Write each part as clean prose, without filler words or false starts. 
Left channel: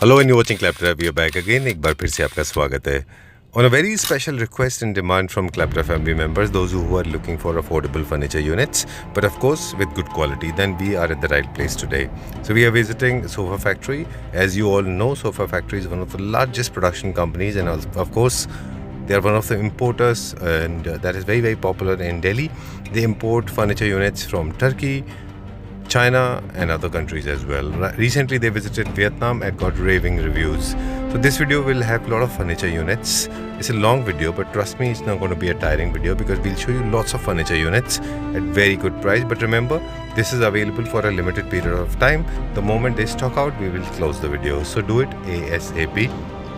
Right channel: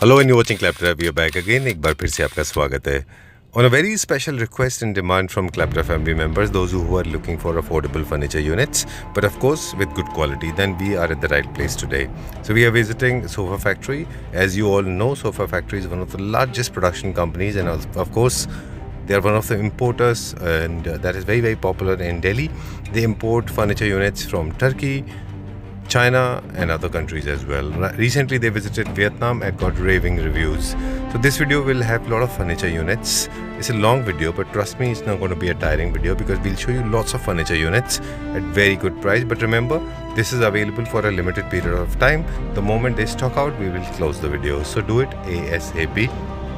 Hello and you're watching Claptrap. We are back again. एक बार फिर से आपका स्वागत है. On a very special request and demand from Claptrap family members, those who are looking for affordable furniture units, but of course with good quality, then we are at the right place today. So we are visiting Sofa Factory. As you all know, Sofa Factory is one of the largest production companies, and of course, they are one of the importers, and that is very popular in Delhi. They import furniture units from Turkey, China and other countries as well. Recently they visited Vietnam and got raving reviews. So this video will have a lot of furniture units. It's a long video, but trust me, it's not going to be a tiring video because we'll show you lots of furniture units at very good price. But remember, this is available for a limited period of time. The moment they stock out, we will close the video. So do it ASAP.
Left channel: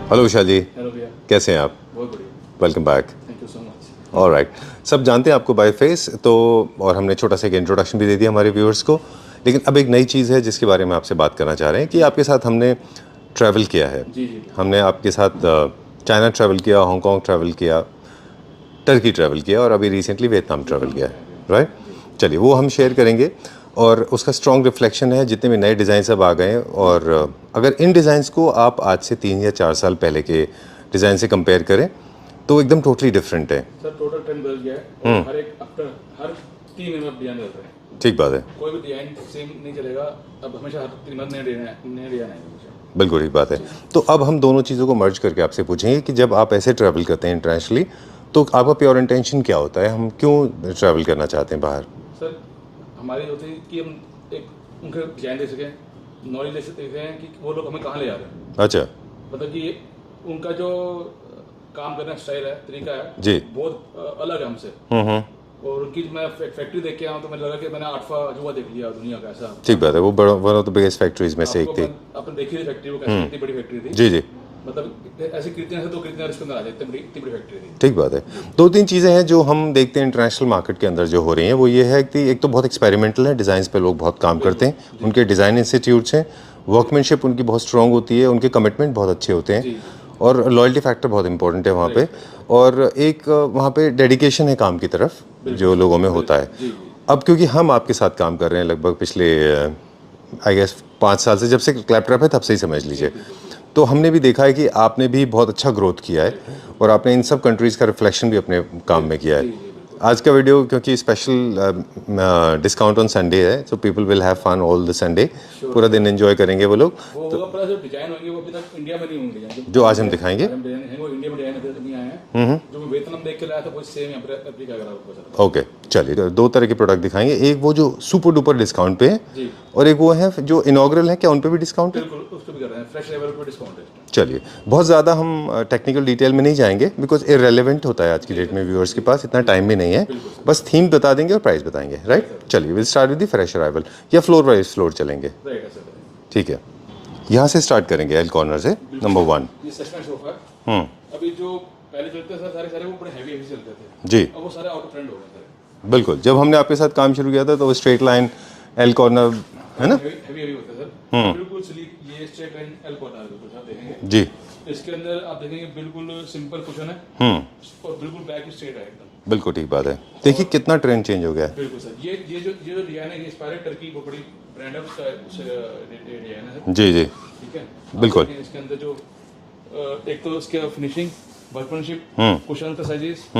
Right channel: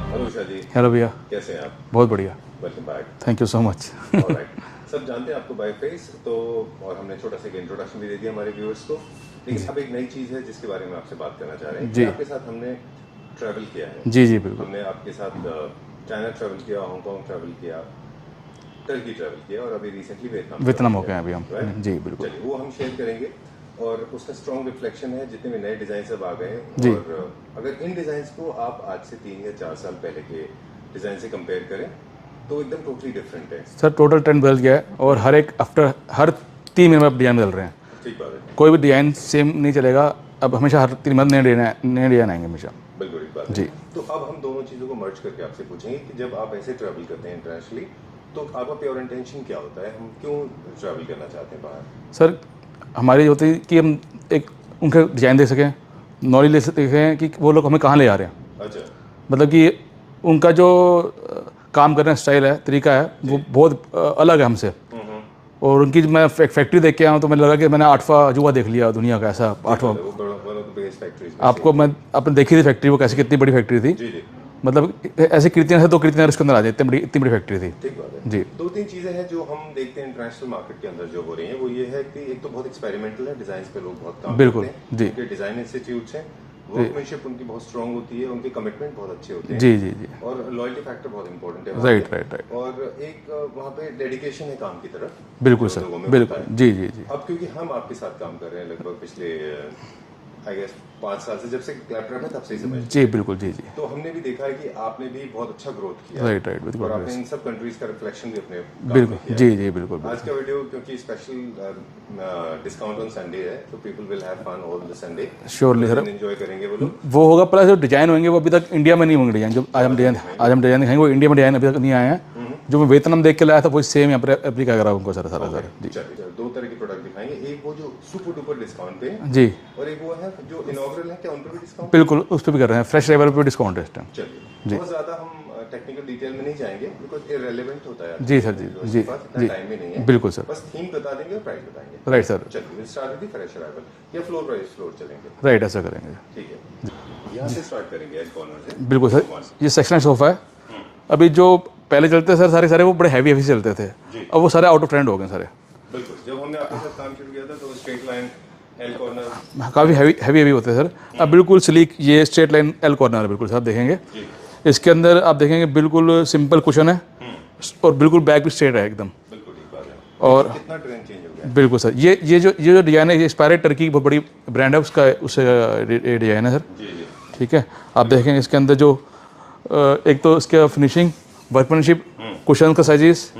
Hello Usha ji. Hello भैया, कैसे हैं आप? बहुत बढ़िया. Welcome back. Thank you so much. Alright. सब जानते हैं आपको बाय फेस, तो और हमने छोटा सा एक इंट्रोडक्शन भी दे दिया हमारे व्यूअर्स को. लेकिन अब एक नई चीज़ है जिसके बारे में आपसे बात करना चाह रहे हैं कि आपके साथ हमने ट्रैवल किया है. जी बिल्कुल. हमने आपके साथ चाइना ट्रैवल किया, हांगकांग ट्रैवल किया, टर्की ट्रैवल किया और अभी रिसेंटली वियतनाम ट्रैवल किया, राइट? जी बिल्कुल. चलिए वो हम शेयर करेंगे और उसका स्ट्रॉन्ग रिफ्लेक्शन है जितने भी नए डिज़ाइन सब आ गए हैं. और अगर इन डिज़ाइंस को आप आज से 3 या 4 साल पहले के डिज़ाइन से कंपेयर करें तो एकदम टोटली डिफरेंट है. सर टोटल ट्रेंड बदल गया है और हर 3 महीने में अब डिजाइन बदल रहे हैं. ठीक बात है. कोई भी डिजाइन सेम नहीं चलेगा. अब हमेशा हर 3 महीने नए डिजाइन आएंगे हमेशा. बिल्कुल ठीक बात है. तो अब हम दोनों चीज़ों को मर्ज करके आपसे पूछेंगे कि जब आप ऐसे ट्रैवल करते हैं इंटरनेशनली तो आपका प्योर इंटेंशन क्या होता है? हम क्यों ट्रैवल करना चाहते हैं बाहर? सर हमारी होती है कि हम एक उनका डिजाइन देख सकें, नॉलेज ले सकें कि वो लोग हमें कहाँ ले जा रहे हैं. अच्छा. मतलब कि उनका जो काम करने का स्टाइल है, तरीका है, वो बहुत अलग है हमसे. और उनकी मैं फैक्ट्री देख के आया हूँ तो मैंने लगा कि मैंने 8वां अजूबा देख लिया दुनिया का. ऐसा ठीक बात है. वो one of the biggest factories में से आपको मैं आपने देखी थी फैक्ट्री, वो कैसे कितनी बड़ी फैक्ट्री थी. जी. मतलब ऐसे कृतियाँ तो कृतियाँ उसके अंदर आ जाए, इतनी बड़ी फैक्ट्री थी. ठीक बात है. 2-3 चीज़ें हैं जो हम देखते हैं इंटरनेशनल मार्केट के अंदर जो हो रही हैं. वो ये है कि एक तो बहुत एक्सपेरिमेंटल है, डिज़ाइंस पे लोग बहुत काम करते हैं, उनके डिज़ाइन इंस्टीट्यूट्स हैं, वर्कमैनशिप उनकी बहुत स्ट्रांग होती है, उनके कमिटमेंट बहुत अच्छे होते हैं. जी. और लॉयल्टी फैक्टर बहुत इंपॉर्टेंट है वहाँ पे. और एक वहाँ पे डेडिकेशन है काम की तरफ जो लोगों में होता है. जी. अब क्योंकि हम आपके साथ काम कर रहे हैं लगभग पिछले आई गेस 5 साल से, जब से क्लैपट्रैप है तब से ही समझ लीजिए. जी बिल्कुल. जी. तो हमने भी देखा है कि आपने भी बहुत अच्छा ग्रोथ किया है. और आपने इन सब कंट्रीज का रिफ्लेक्शन भी अपने काम में किया है. जी बिल्कुल. आज का वीडियो क्योंकि स्पेशल डिस्काउंट ऑन संडे है, so people will have fun all the Sunday. पूरा दिन एंजॉय करेंगे वो लोग. वो होगा. प्लस जो डिजाइन होंगे वो अभी तक इंडिया में नहीं होंगे. डिजाइन जो आज हम दिखाएंगे, आज हम डिजाइन दिखाएंगे, वो इंडिया में डिजाइन अभी तक नहीं आए हैं. जो मैं वियतनाम देख के लाया था वो सेम यहाँ पर अफ्रीका करा उनको. सर ओके चलिए 2 तरह के प्रोडक्ट दिखाएंगे. एक वो जो सुपर डुपर डिस्काउंट पे है जी, और एक वो है जो इनॉग्रल है. क्या उन पे भी डिस्काउंट? बिल्कुल उस पर भी कर रहे हैं. फ्रेश अराइवल पे डिस्काउंट है. चलिए बहुत ज़्यादा हम टेक्निकल डिटेल में नहीं जाएंगे बिकॉज इररेलेवेंट होता है आज के डेट में. व्यूअर्स के पास इतना टाइम भी नहीं है. बिल्कुल सर. बस थीम बता देंगे और प्राइस बताएंगे. Right sir. चलिए will start with the fresh arrival या फ्लोर वाइज फ्लोर चलेंगे. राइट ऐसा करेंगे. ठीक है. यहाँ से स्टार्ट करेंगे एल कॉर्नर से. बिल्कुल. नंबर 1 ये सेक्शनल सोफा है. अभी जो पहले चलते सर सारे वो बड़े हैवी चलते थे जी. अब वो सारे आउट ऑफ ट्रेंड हो गए सारे. बिल्कुल. जब हमने आपके साथ काम शुरू किया था तो स्ट्रेट लाइन एल कॉर्नर काफी हैवी होते हैं सर. अब बिल्कुल स्लीक ये स्ट्रेट लाइन एल कॉर्नर है. बिल्कुल सर देखेंगे जी. इसके अंदर आप देखेंगे बिल्कुल सिंपल कुशन है और बिल्कुल बैक भी स्ट्रेट है एकदम. बिल्कुल ठीक बात है. देखिए कितना ट्रेंड चेंज हो गया है. बिल्कुल सर. ये जो डिजाइन है, ये इंस्पायर्ड टर्की की बहुत बड़ी ब्रांड है, उसका डिजाइन है सर. जी. ठीक है. आप देखेंगे इसके अंदर जो एक तो इसके फिनिशिंग, वर्कमैनशिप, कुशन का साइजेस,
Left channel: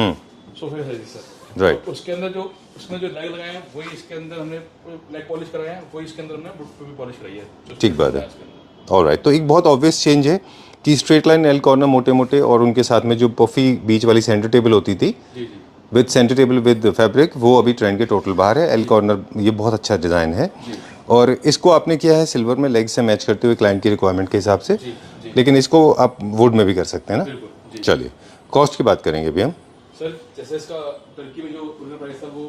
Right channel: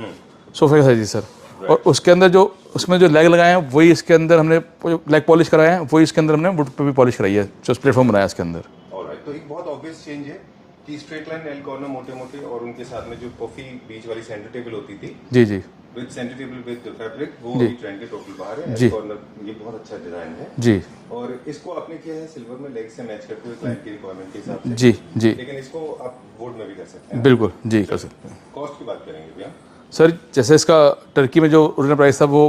सोफे का साइजेस सर. और उसके अंदर जो उसमें जो लेग लगाए हैं वही इसके अंदर हमने लेग पॉलिश कराया है, वही इसके अंदर हमने वुड पे भी पॉलिश कराई है, जो प्लेटफॉर्म बनाया इसके अंदर. ऑलराइट. तो एक बहुत ऑब्वियस चेंज है कि स्ट्रेट लाइन एल कॉर्नर मोटे और उनके साथ में जो पफी बीच वाली सेंटर टेबल होती थी जी with centre table with fabric, वो अभी ट्रेंड के टोटल बाहर है. एल कॉर्नर ये बहुत अच्छा डिजाइन है जी. और इसको आपने किया है सिल्वर में लेग से मैच करते हुए क्लाइंट की रिक्वायरमेंट के हिसाब से जी. लेकिन इसको आप वुड में भी कर सकते हैं ना. बिल्कुल जी. चलिए कॉस्ट की बात करेंगे अभी हम सर. जैसे इसका टर्की में जो ओरिजिनल प्राइस था वो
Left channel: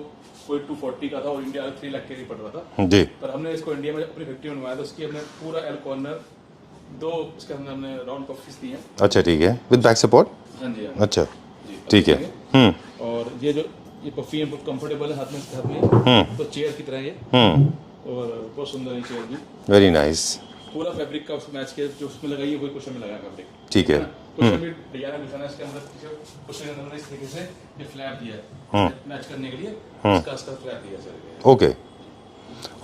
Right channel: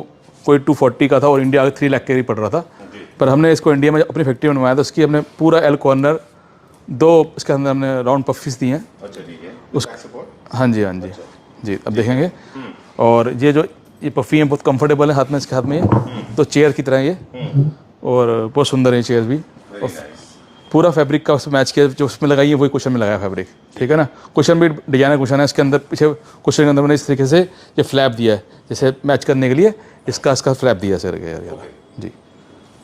कोई 240 का था और इंडिया 3 लाख के पड़ रहा था जी. पर हमने इसको इंडिया में अपनी फैक्ट्री में बनवाया था. उसकी हमने पूरा एल कॉर्नर 2 इसके अंदर हमने राउंड पफीस दी हैं. अच्छा ठीक है. With back support. हाँ जी. अच्छा जी. अब देखेंगे. और ये पफी है बहुत कंफर्टेबल है हाथ में, इसके हाथ में तो चेयर की तरह ये. और बहुत सुंदर है चेयर भी. Very nice. पूरा फैब्रिक का उसमें मैच किया, जो उसमें लगाई है वही कुशन में लगाया फैब्रिक. ठीक है ना. कुशन भी डिजाइनर कुशन है. इसके अंदर पीछे कुशन के अंदर मैंने इस तरीके से ये फ्लैप दिया है, जैसे मैच करने के लिए इसका फ्लैप दिया सर. ओके जी.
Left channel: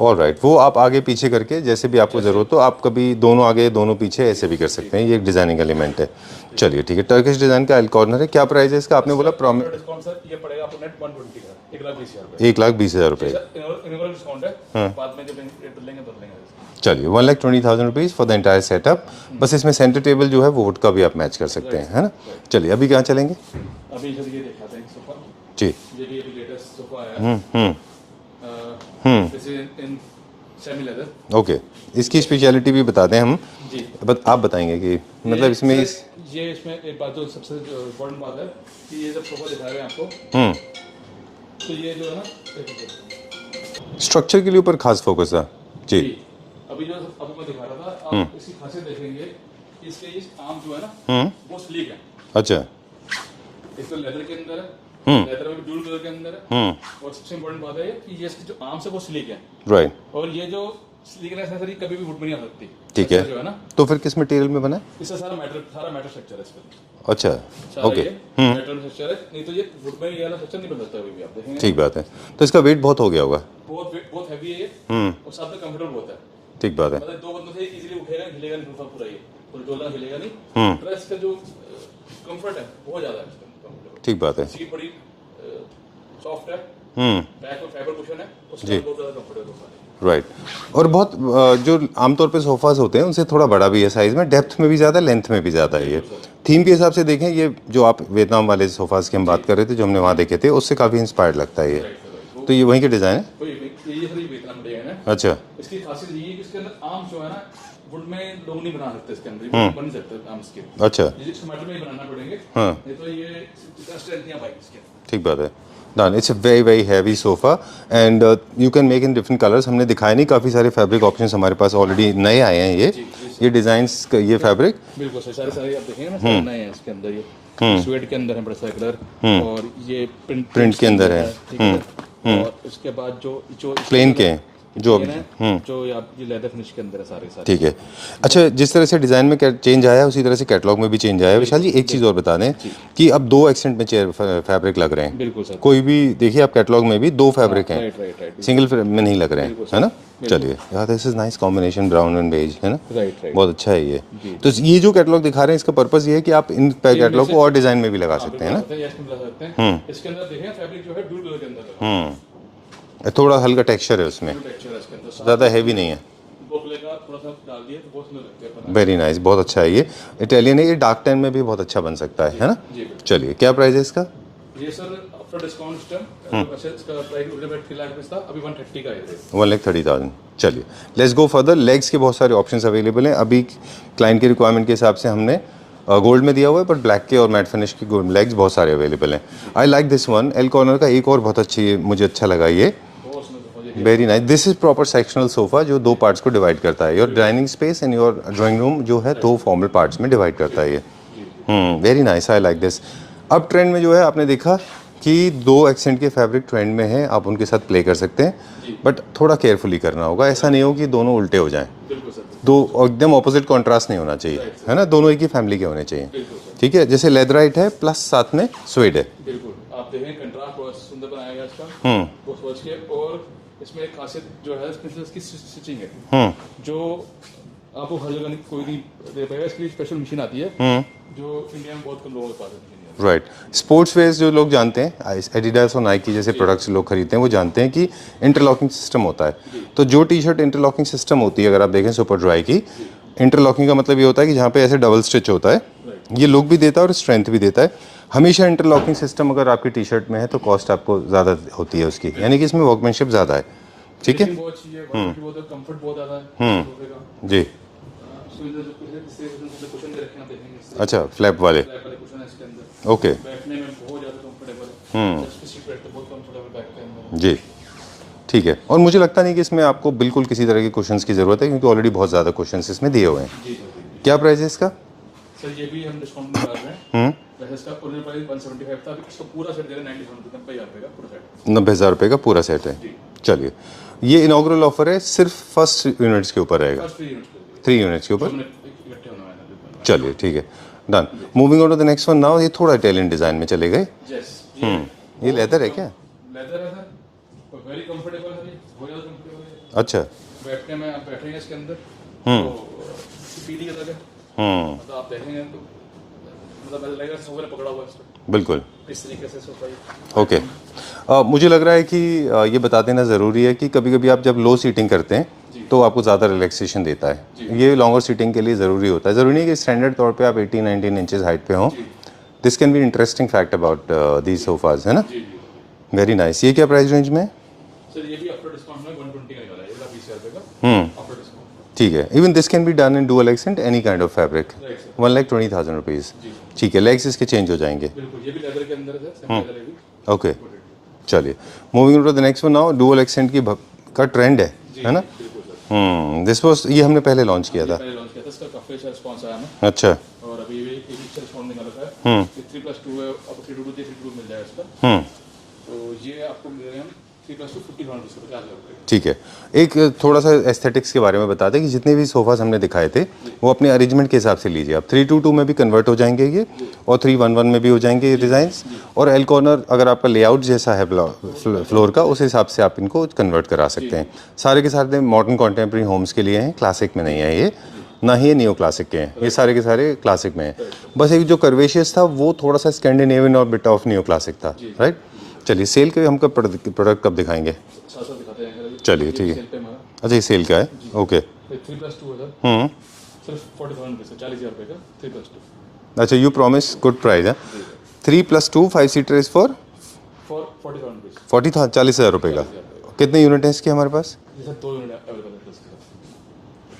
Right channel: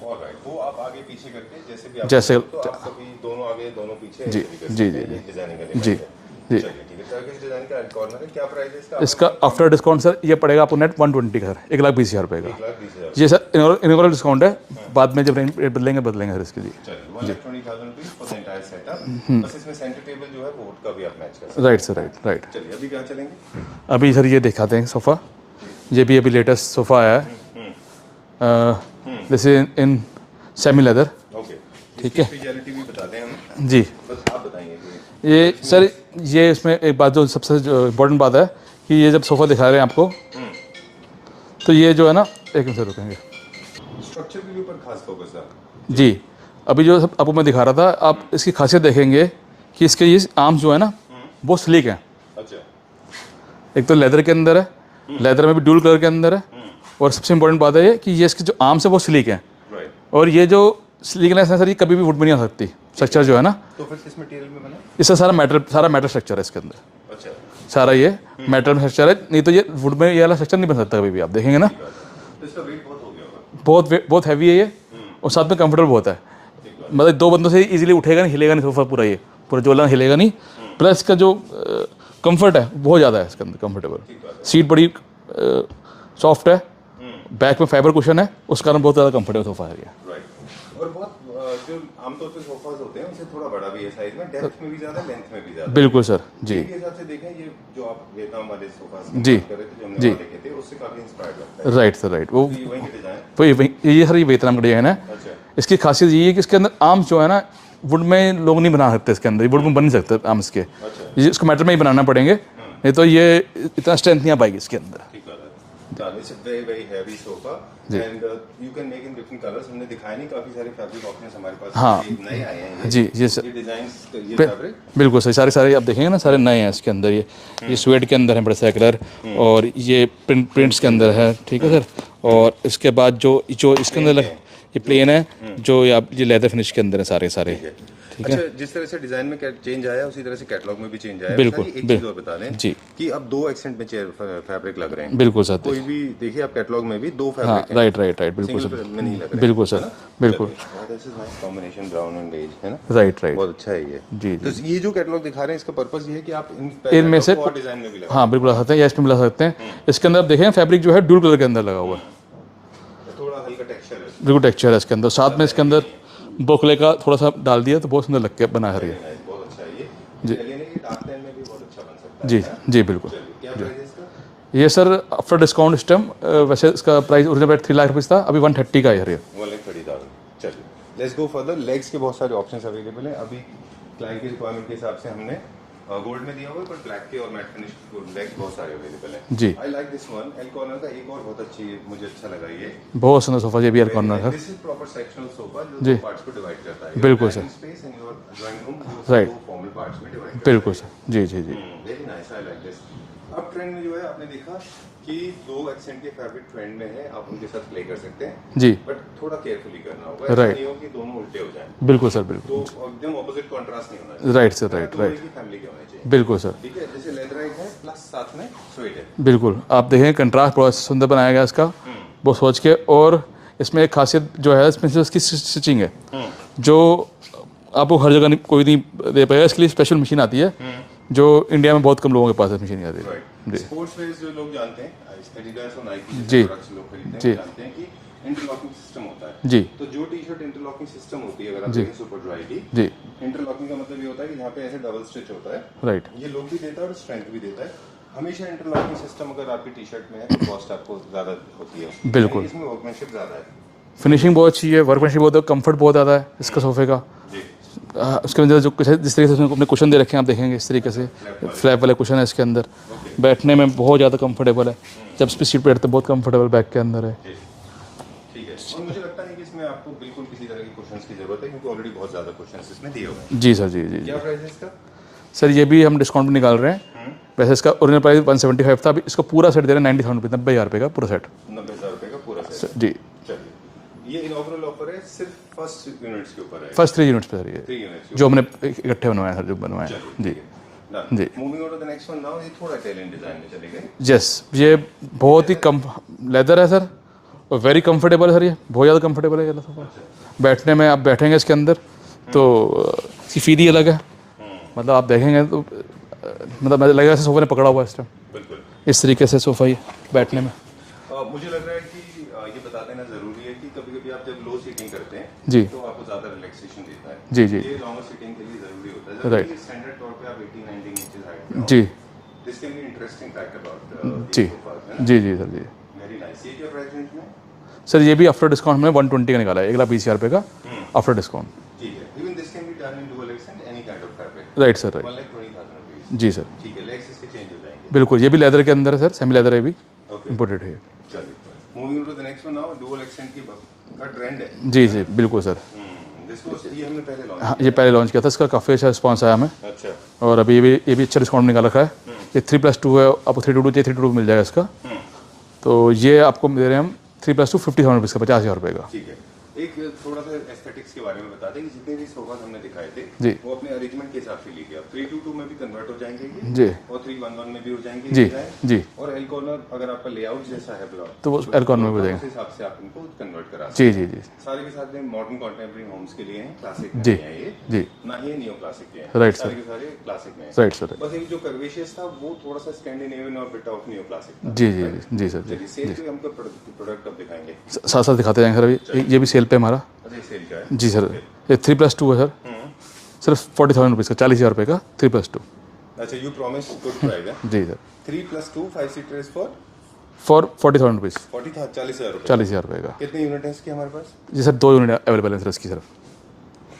ऑलराइट, वो आप आगे पीछे करके जैसे भी आपको जरूरत हो आप कभी दोनों आगे दोनों पीछे ऐसे भी कर सकते हैं, ये एक डिजाइनिंग एलिमेंट है। चलिए ठीक है, टर्किश डिजाइन का एल कॉर्नर है, क्या प्राइस है इसका? आपने बोला आफ्टर डिस्काउंट सर ये पड़ेगा आपको नेट 120 का, 1,20,000 रुपये। 1,20,000 ये सर इनोग्रल डिस्काउंट है, बाद में जब रेट बदलेंगे सर इसके लिए। चलिए 1,20,000 rupees for the entire setup. बस इसमें सेंटर टेबल जो है वो वुड का भी आप मैच कर सकते हैं, है ना? राइट। चलिए अभी क्या चलेंगे? अभी सर ये दिखाते हैं सोफा जी, ये भी अभी लेटेस्ट सोफा आया है, this is in semi leather. Okay, इसकी स्पेशलिटी भी बताते हैं हम जी। आप बताएंगे कि ये सर ये इसमें एक बात जो सबसे इम्पोर्टेंट बात है कि ये जब सोफा दिखा रहे हैं आपको तो ये जो है ना, एक मिनट रुकेंगे, स्ट्रक्चर के लिए ऊपर खास फोकस था जी। अभी जो आपको मैं दिखा रहा था, आप इसकी खासियत देखेंगे कि इसके ये आर्म्स जो है ना वो स्लीक हैं। अच्छा, एक तो लेदर के अंदर है, लेदर में भी ड्यूल कलर के अंदर है, और सबसे इम्पोर्टेंट बात है ये कि ये इसके जो आर्म्स है वो स्लीक हैं। राइट। और ये जो स्लीकनेस है सर ये कभी भी वुड में नहीं आ सकती, स्ट्रक्चर जो है ना। तो फिर किस मटेरियल में बना है? इसका सारा मेटल स्ट्रक्चर है इसके अंदर। अच्छा, सारा ये मेटल स्ट्रक्चर है, नहीं तो ये वुड में ये वाला स्ट्रक्चर नहीं बन सकता कभी भी, आप देखेंगे ना। ठीक बात है, तो इसका वेट बहुत हो गया होगा। बहुत हैवी है ये, और साथ में कंफर्टेबल बहुत है। ठीक बात है, मतलब 2 बंदों से इजीली उठेगा नहीं, हिलेगा नहीं सोफा पूरा, ये पूरा जोला हिलेगा नहीं। प्लस इसका जो कंफर्ट है बहुत ज़्यादा है इसके अंदर, कंफर्टेबल। ठीक बात है, सीट बड़ी सॉफ्ट है, बैक में फाइबर कुशन है, उस कारण बहुत ज़्यादा कंफर्टेबल सोफा है ये। राइट। और बहुत जो आमतौर पे सोफास होते हैं उनसे थोड़ा बड़ा भी है साइज में, डेप्थ में भी ज़्यादा, लेंथ में भी ज़्यादा। बिल्कुल सर। थीम के हिसाब से देखें, ये जो आप वियतनाम वाले सोफास की हम बात कर रहे थे जो हमने वहाँ देखे थे, उससे काफ़ी इंस्पायर्ड लगता है। Right sir, right. वो तो ये वहीं के डिज़ाइन है? ये सर ये वियतनाम का डिजाइन है। अच्छा। इसकी खासियत ये है कि इसके अंदर आर्म्स जो है ना वुड में लोग नहीं बना सकते, इसके अंदर वुड में बन नहीं सकते आर्म्स के। अच्छा। इसको मेटल में ही बनाना पड़ेंगे, नहीं तो ये इतना स्ट्रेंथ नहीं आ पाएगी इसके अंदर। ठीक बात है। Done. It's a very heavy sofa and you can make in different colors. हमने दिखाया नहीं, काफी सारे फैब्रिक ऑप्शंस हमारे पास ऑलरेडी नए आए हैं। ये ये डिजाइन्स, ये फैब्रिक बिल्कुल सही, सारे आप देखेंगे ना, सारे नए हैं इसके अंदर। ये स्वेट के अंदर है बड़ा सा कलर, और ये प्रिंट्स के अंदर है। ठीक है सर। और इसके बाद जो इसके अंदर ये प्लेन है, जो ये लेदर फिनिश के अंदर है सारे। ठीक है। अच्छा, जिस तरह से डिजाइन में चेंज आया उसी तरह से कैटलॉग में भी चेंज आया। विशाल जी एक चीज और बता दें कि अब 2 एक्सेंट में चेयर फैब्रिक लग रहे हैं। बिल्कुल सर। कोई भी देखिए आप कैटलॉग में भी 2 फैब्रिक हैं। राइट। सिंगल में नहीं लग रहे हैं, बिल्कुल है ना। चलिए यार, this is nice combination, brown and beige, है ना। राइट। बहुत अच्छा है ये। तो ये जो कैटलॉग दिखा रहे हैं इसका पर्पस ये है कि आप इन कैटलॉग को और डिजाइन में भी लगा सकते हैं। हाँ बिल्कुल लगा सकते हैं, इसमें मिला सकते हैं। इसके अंदर आप देखें फैब्रिक जो है ड्यूल कलर के अंदर लगा हुआ है, थोड़ा हल्का टेक्सचर है उसमें। बिल्कुल टेक्सचर है इसके अंदर, साथ में इसके अंदर बोकले का थोड़ा सा डाल दिया तो बहुत सुंदर लग के बना है। वेरी नाइस, बहुत अच्छा है ये। इटालियन है, ये डार्क टैन में भी बहुत अच्छा बन सकता है ना। जी बिल्कुल। चलिए, क्या प्राइस है इसका? ये सर आफ्टर डिस्काउंट इस टाइम वैसे इसका प्राइस ओरिजिनल 3 लाख रुपये था, अभी 130 का है। 1,30,000। चलिए लेट्स गो फर्दर। लेग्स के बहुत सारे ऑप्शंस अवेलेबल हैं। अभी क्लाइंट की रिक्वायरमेंट के हिसाब से हमने गोल्ड में दिया हुआ है, पर ब्लैक के और मैट फिनिश की गोल्ड लेग्स बहुत सारे अवेलेबल हैं। आई like this one. L corner का एक और बहुत अच्छी, मुझे अच्छा लगा ये, बहुत सुंदर सोफा। ये भी very nice. This is proper sectional sofa जो 2 पार्ट्स को डिवाइड करता है। Your dining space and your drawing room जो है 2 फॉर्मल पार्ट्स में डिवाइड करता है ये। जी। Very nice, I like this. अब ट्रेंड में जो है आपने देखा कि 2 एक्सेंट के फैब्रिक ट्रेंड में है, आप उनके साथ प्ले कर सकते हैं जी, बट थोड़ा केयरफुली करना होगा। ऐसा नहीं हो कि दोनों उल्टे हो जाएं। बिल्कुल सर, बिल्कुल। तो एकदम ऑपोजिट कॉन्ट्रास्ट नहीं होना चाहिए, राइट सर, है ना। दोनों एक ही फैमिली के होने चाहिए। बिल्कुल सर। ठीक है, जैसे लेदराइट है प्लस साथ में स्वेड है। बिल्कुल, आप देखें कंट्रास्ट बहुत सुंदर बनाया गया इसका, वो सोच के। और इसमें एक खासियत जो है इसमें से इसकी स्टिचिंग है, जो आपको हर जगह कोई नहीं दे पाएगा। इसके लिए स्पेशल मशीन आती है जो इंडिया में बहुत कम लोगों के पास है मशीन आती है। राइट। स्पोर्ट्स वेयर जो लोग जानते हैं, एडिडास और नाइकी जैसे प्रोडक्ट्स लोग खरीदते हैं, वो जानते हैं कि इंटरलॉकिंग सिस्टम होता है जी। तो जो टी शर्ट इंटरलॉकिंग सिस्टम होती है, अगर आप देखें सुपर ड्राई की, इंटरलॉकिंग का मतलब ये होता है कि जहाँ पे ऐसे डबल स्टिच होता है, राइट, ये लुक भी देता है और स्ट्रेंथ भी देता है। हमेशा इंटरलॉकिंग सिस्टम अगर आपकी टी शर्ट में है तो कॉस्ट आपको ज़्यादा होती है उसकी, यानी कि इसमें वर्कमैनशिप ज़्यादा है, फिनिशिंग बहुत अच्छी है, वर्कमैनशिप बहुत है, कंफर्ट बहुत ज़्यादा है इसके सोफे का जी। उसके अंदर जो जिस तरीके से अपने कुशन दे रखे हैं आप देखेंगे इस तरीके से फ्लैप वाले कुशन है इसके अंदर। ओके, बैठने में बहुत ज़्यादा कंफर्टेबल है, जब इस पर सीट पे बैठते बहुत कंफर्टेबल बैक के अंदर है जी। ठीक है, और मुझे लगता नहीं कि इसमें आपको बिल्कुल किसी तरह के कुशन्स की जरूरत है, क्योंकि ऑलरेडी बहुत ज़्यादा कुशन्स इसमें दिए हुए हैं। जी सर, जी जी। क्या प्राइस है इसका? सर ये भी हम डिस्काउंट निकाल रहे हैं। वैसे इसका ओरिजिनल प्राइस 175 था, अभी इसका पूरा सेट दे रहे हैं 90,000 रुपये, 90,000 रुपये का पूरा सेट। 90,000 रुपये का पूरा सेट है जी। चलिए, ये इनॉग्रल ऑफर है, सिर्फ फर्स्ट यूनिट्स के ऊपर है, फर्स्ट 3 यूनिट्स पे है, 3 यूनिट्स के ऊपर जो हमने इकट्ठे बनवाया है, जो बनवाया। चलिए ठीक है, done. Moving on to the next one now. ये थोड़ा इटालियन डिजाइन में चले गए। यस, ये बहुत ही कम लेदर है सर, और वेरी कंफर्टेबल है सर, ये बहुत ज़्यादा कंफर्टेबल है ये वाला। अच्छा। बैठने में आप बैठेंगे इसके अंदर तो इसकी फील ही अलग है। मतलब आप देखेंगे तो मतलब मुझे लगेगा सोफा ने पकड़ा हुआ है इस टाइम। बिल्कुल इस तरीके से सोफा ही बैठने में। मुझे लग रहा है कि ये बता देना ज़रूरी है कि कभी कभी आप जब लो सीटिंग करते हैं जी। तो आपको ज़्यादा रिलैक्सेशन देता है। जी, जी। ये लॉन्गर सीटिंग के लिए ज़रूरी होता है। ज़रूरी नहीं कि स्टैंडर्ड तौर पे आप 18-19 इंचेस हाइट पे हों। जी this can be interesting fact about these sofas, है ना? जी जी सर जी। Very nice. ये क्या प्राइस रेंज में है? सर ये भी आफ्टर डिस्काउंट में 120 का निकाला है, 1,20,000 रुपये का आफ्टर डिस्काउंट। ठीक है। Even this can be done in dual accent any kind of fabric. Right sir. 1,20,000 rupees. जी सर। ठीक है। लेग्स इसके चेंज हो जाएंगे। बिल्कुल, ये भी लेदर के अंदर है सर, सेमी लेदर है भी, ओके इंपोर्टेड है। चलिए moving to the next one now. Dual accent की का ट्रेंड है। जी जी बिल्कुल सर। दिस वाज ये हमने पहले लॉन्च किया ये था। पहले लॉन्च किया था, इसका काफ़ी अच्छा रिस्पॉन्स आया हमें। अच्छा। और अभी ये भी अच्छा डिस्काउंट निकाल रखा है। ये 3+2 है, आपको 322 चाहिए 322 मिल जाएगा इसका। तो ये आपको दे रहे हैं हम 3+2 50,000 रुपीज़ का, 50,000 रुपये का। ठीक है। एक थोड़ा सा एस्थेटिक्स के बारे में बता दें कि जितने भी सोफास हमने दिखाए थे जी। वो अपने अरेंजमेंट के हिसाब से लीजिए आप। 322 में भी कन्वर्ट हो जाएंगे ये जी। और 311 में भी हो जाएंगे ये डिजाइन। जी। और एल कॉर्नर अगर आपका लेआउट जैसा है फ्लोर का, में उस हिसाब से आप इनको कन्वर्ट करा सकते हैं। सारे के सारे मॉडर्न कॉन्टेम्प्रेरी होम्स के लिए हैं, क्लासिक में नहीं है ये, ना ही न्यू क्लासिक के हैं। ये सारे के सारे क्लासिक में राइट हैं। सर। बस एक जो कर्वेशियस था वो थोड़ा सा स्कैंडिनेवियन और बिट ऑफ न्यू क्लासिक था। राइट जी सर। चलिए सेल के हम प्रोडक्ट कब दिखाएंगे? साथ साथ दिखाते जाएंगे सर अभी। चलिए, ये भी सेल पे हमारा। अच्छा ये सेल का है? जी सर। ओके। ये 3+2 है सर, सिर्फ 40,000 रुपीज़ का, 40,000 रुपये का 3+2। अच्छा यू प्रॉमिस गुड प्राइस है। जी sir. 3+2 5 seater is for 40,000 rupees. 40,000 रुपये का। 40,000 रुपये का। कितने यूनिट हैं इसके हमारे पास? जी सर 2 यूनिट अवेलेबल है सर इसकी सर।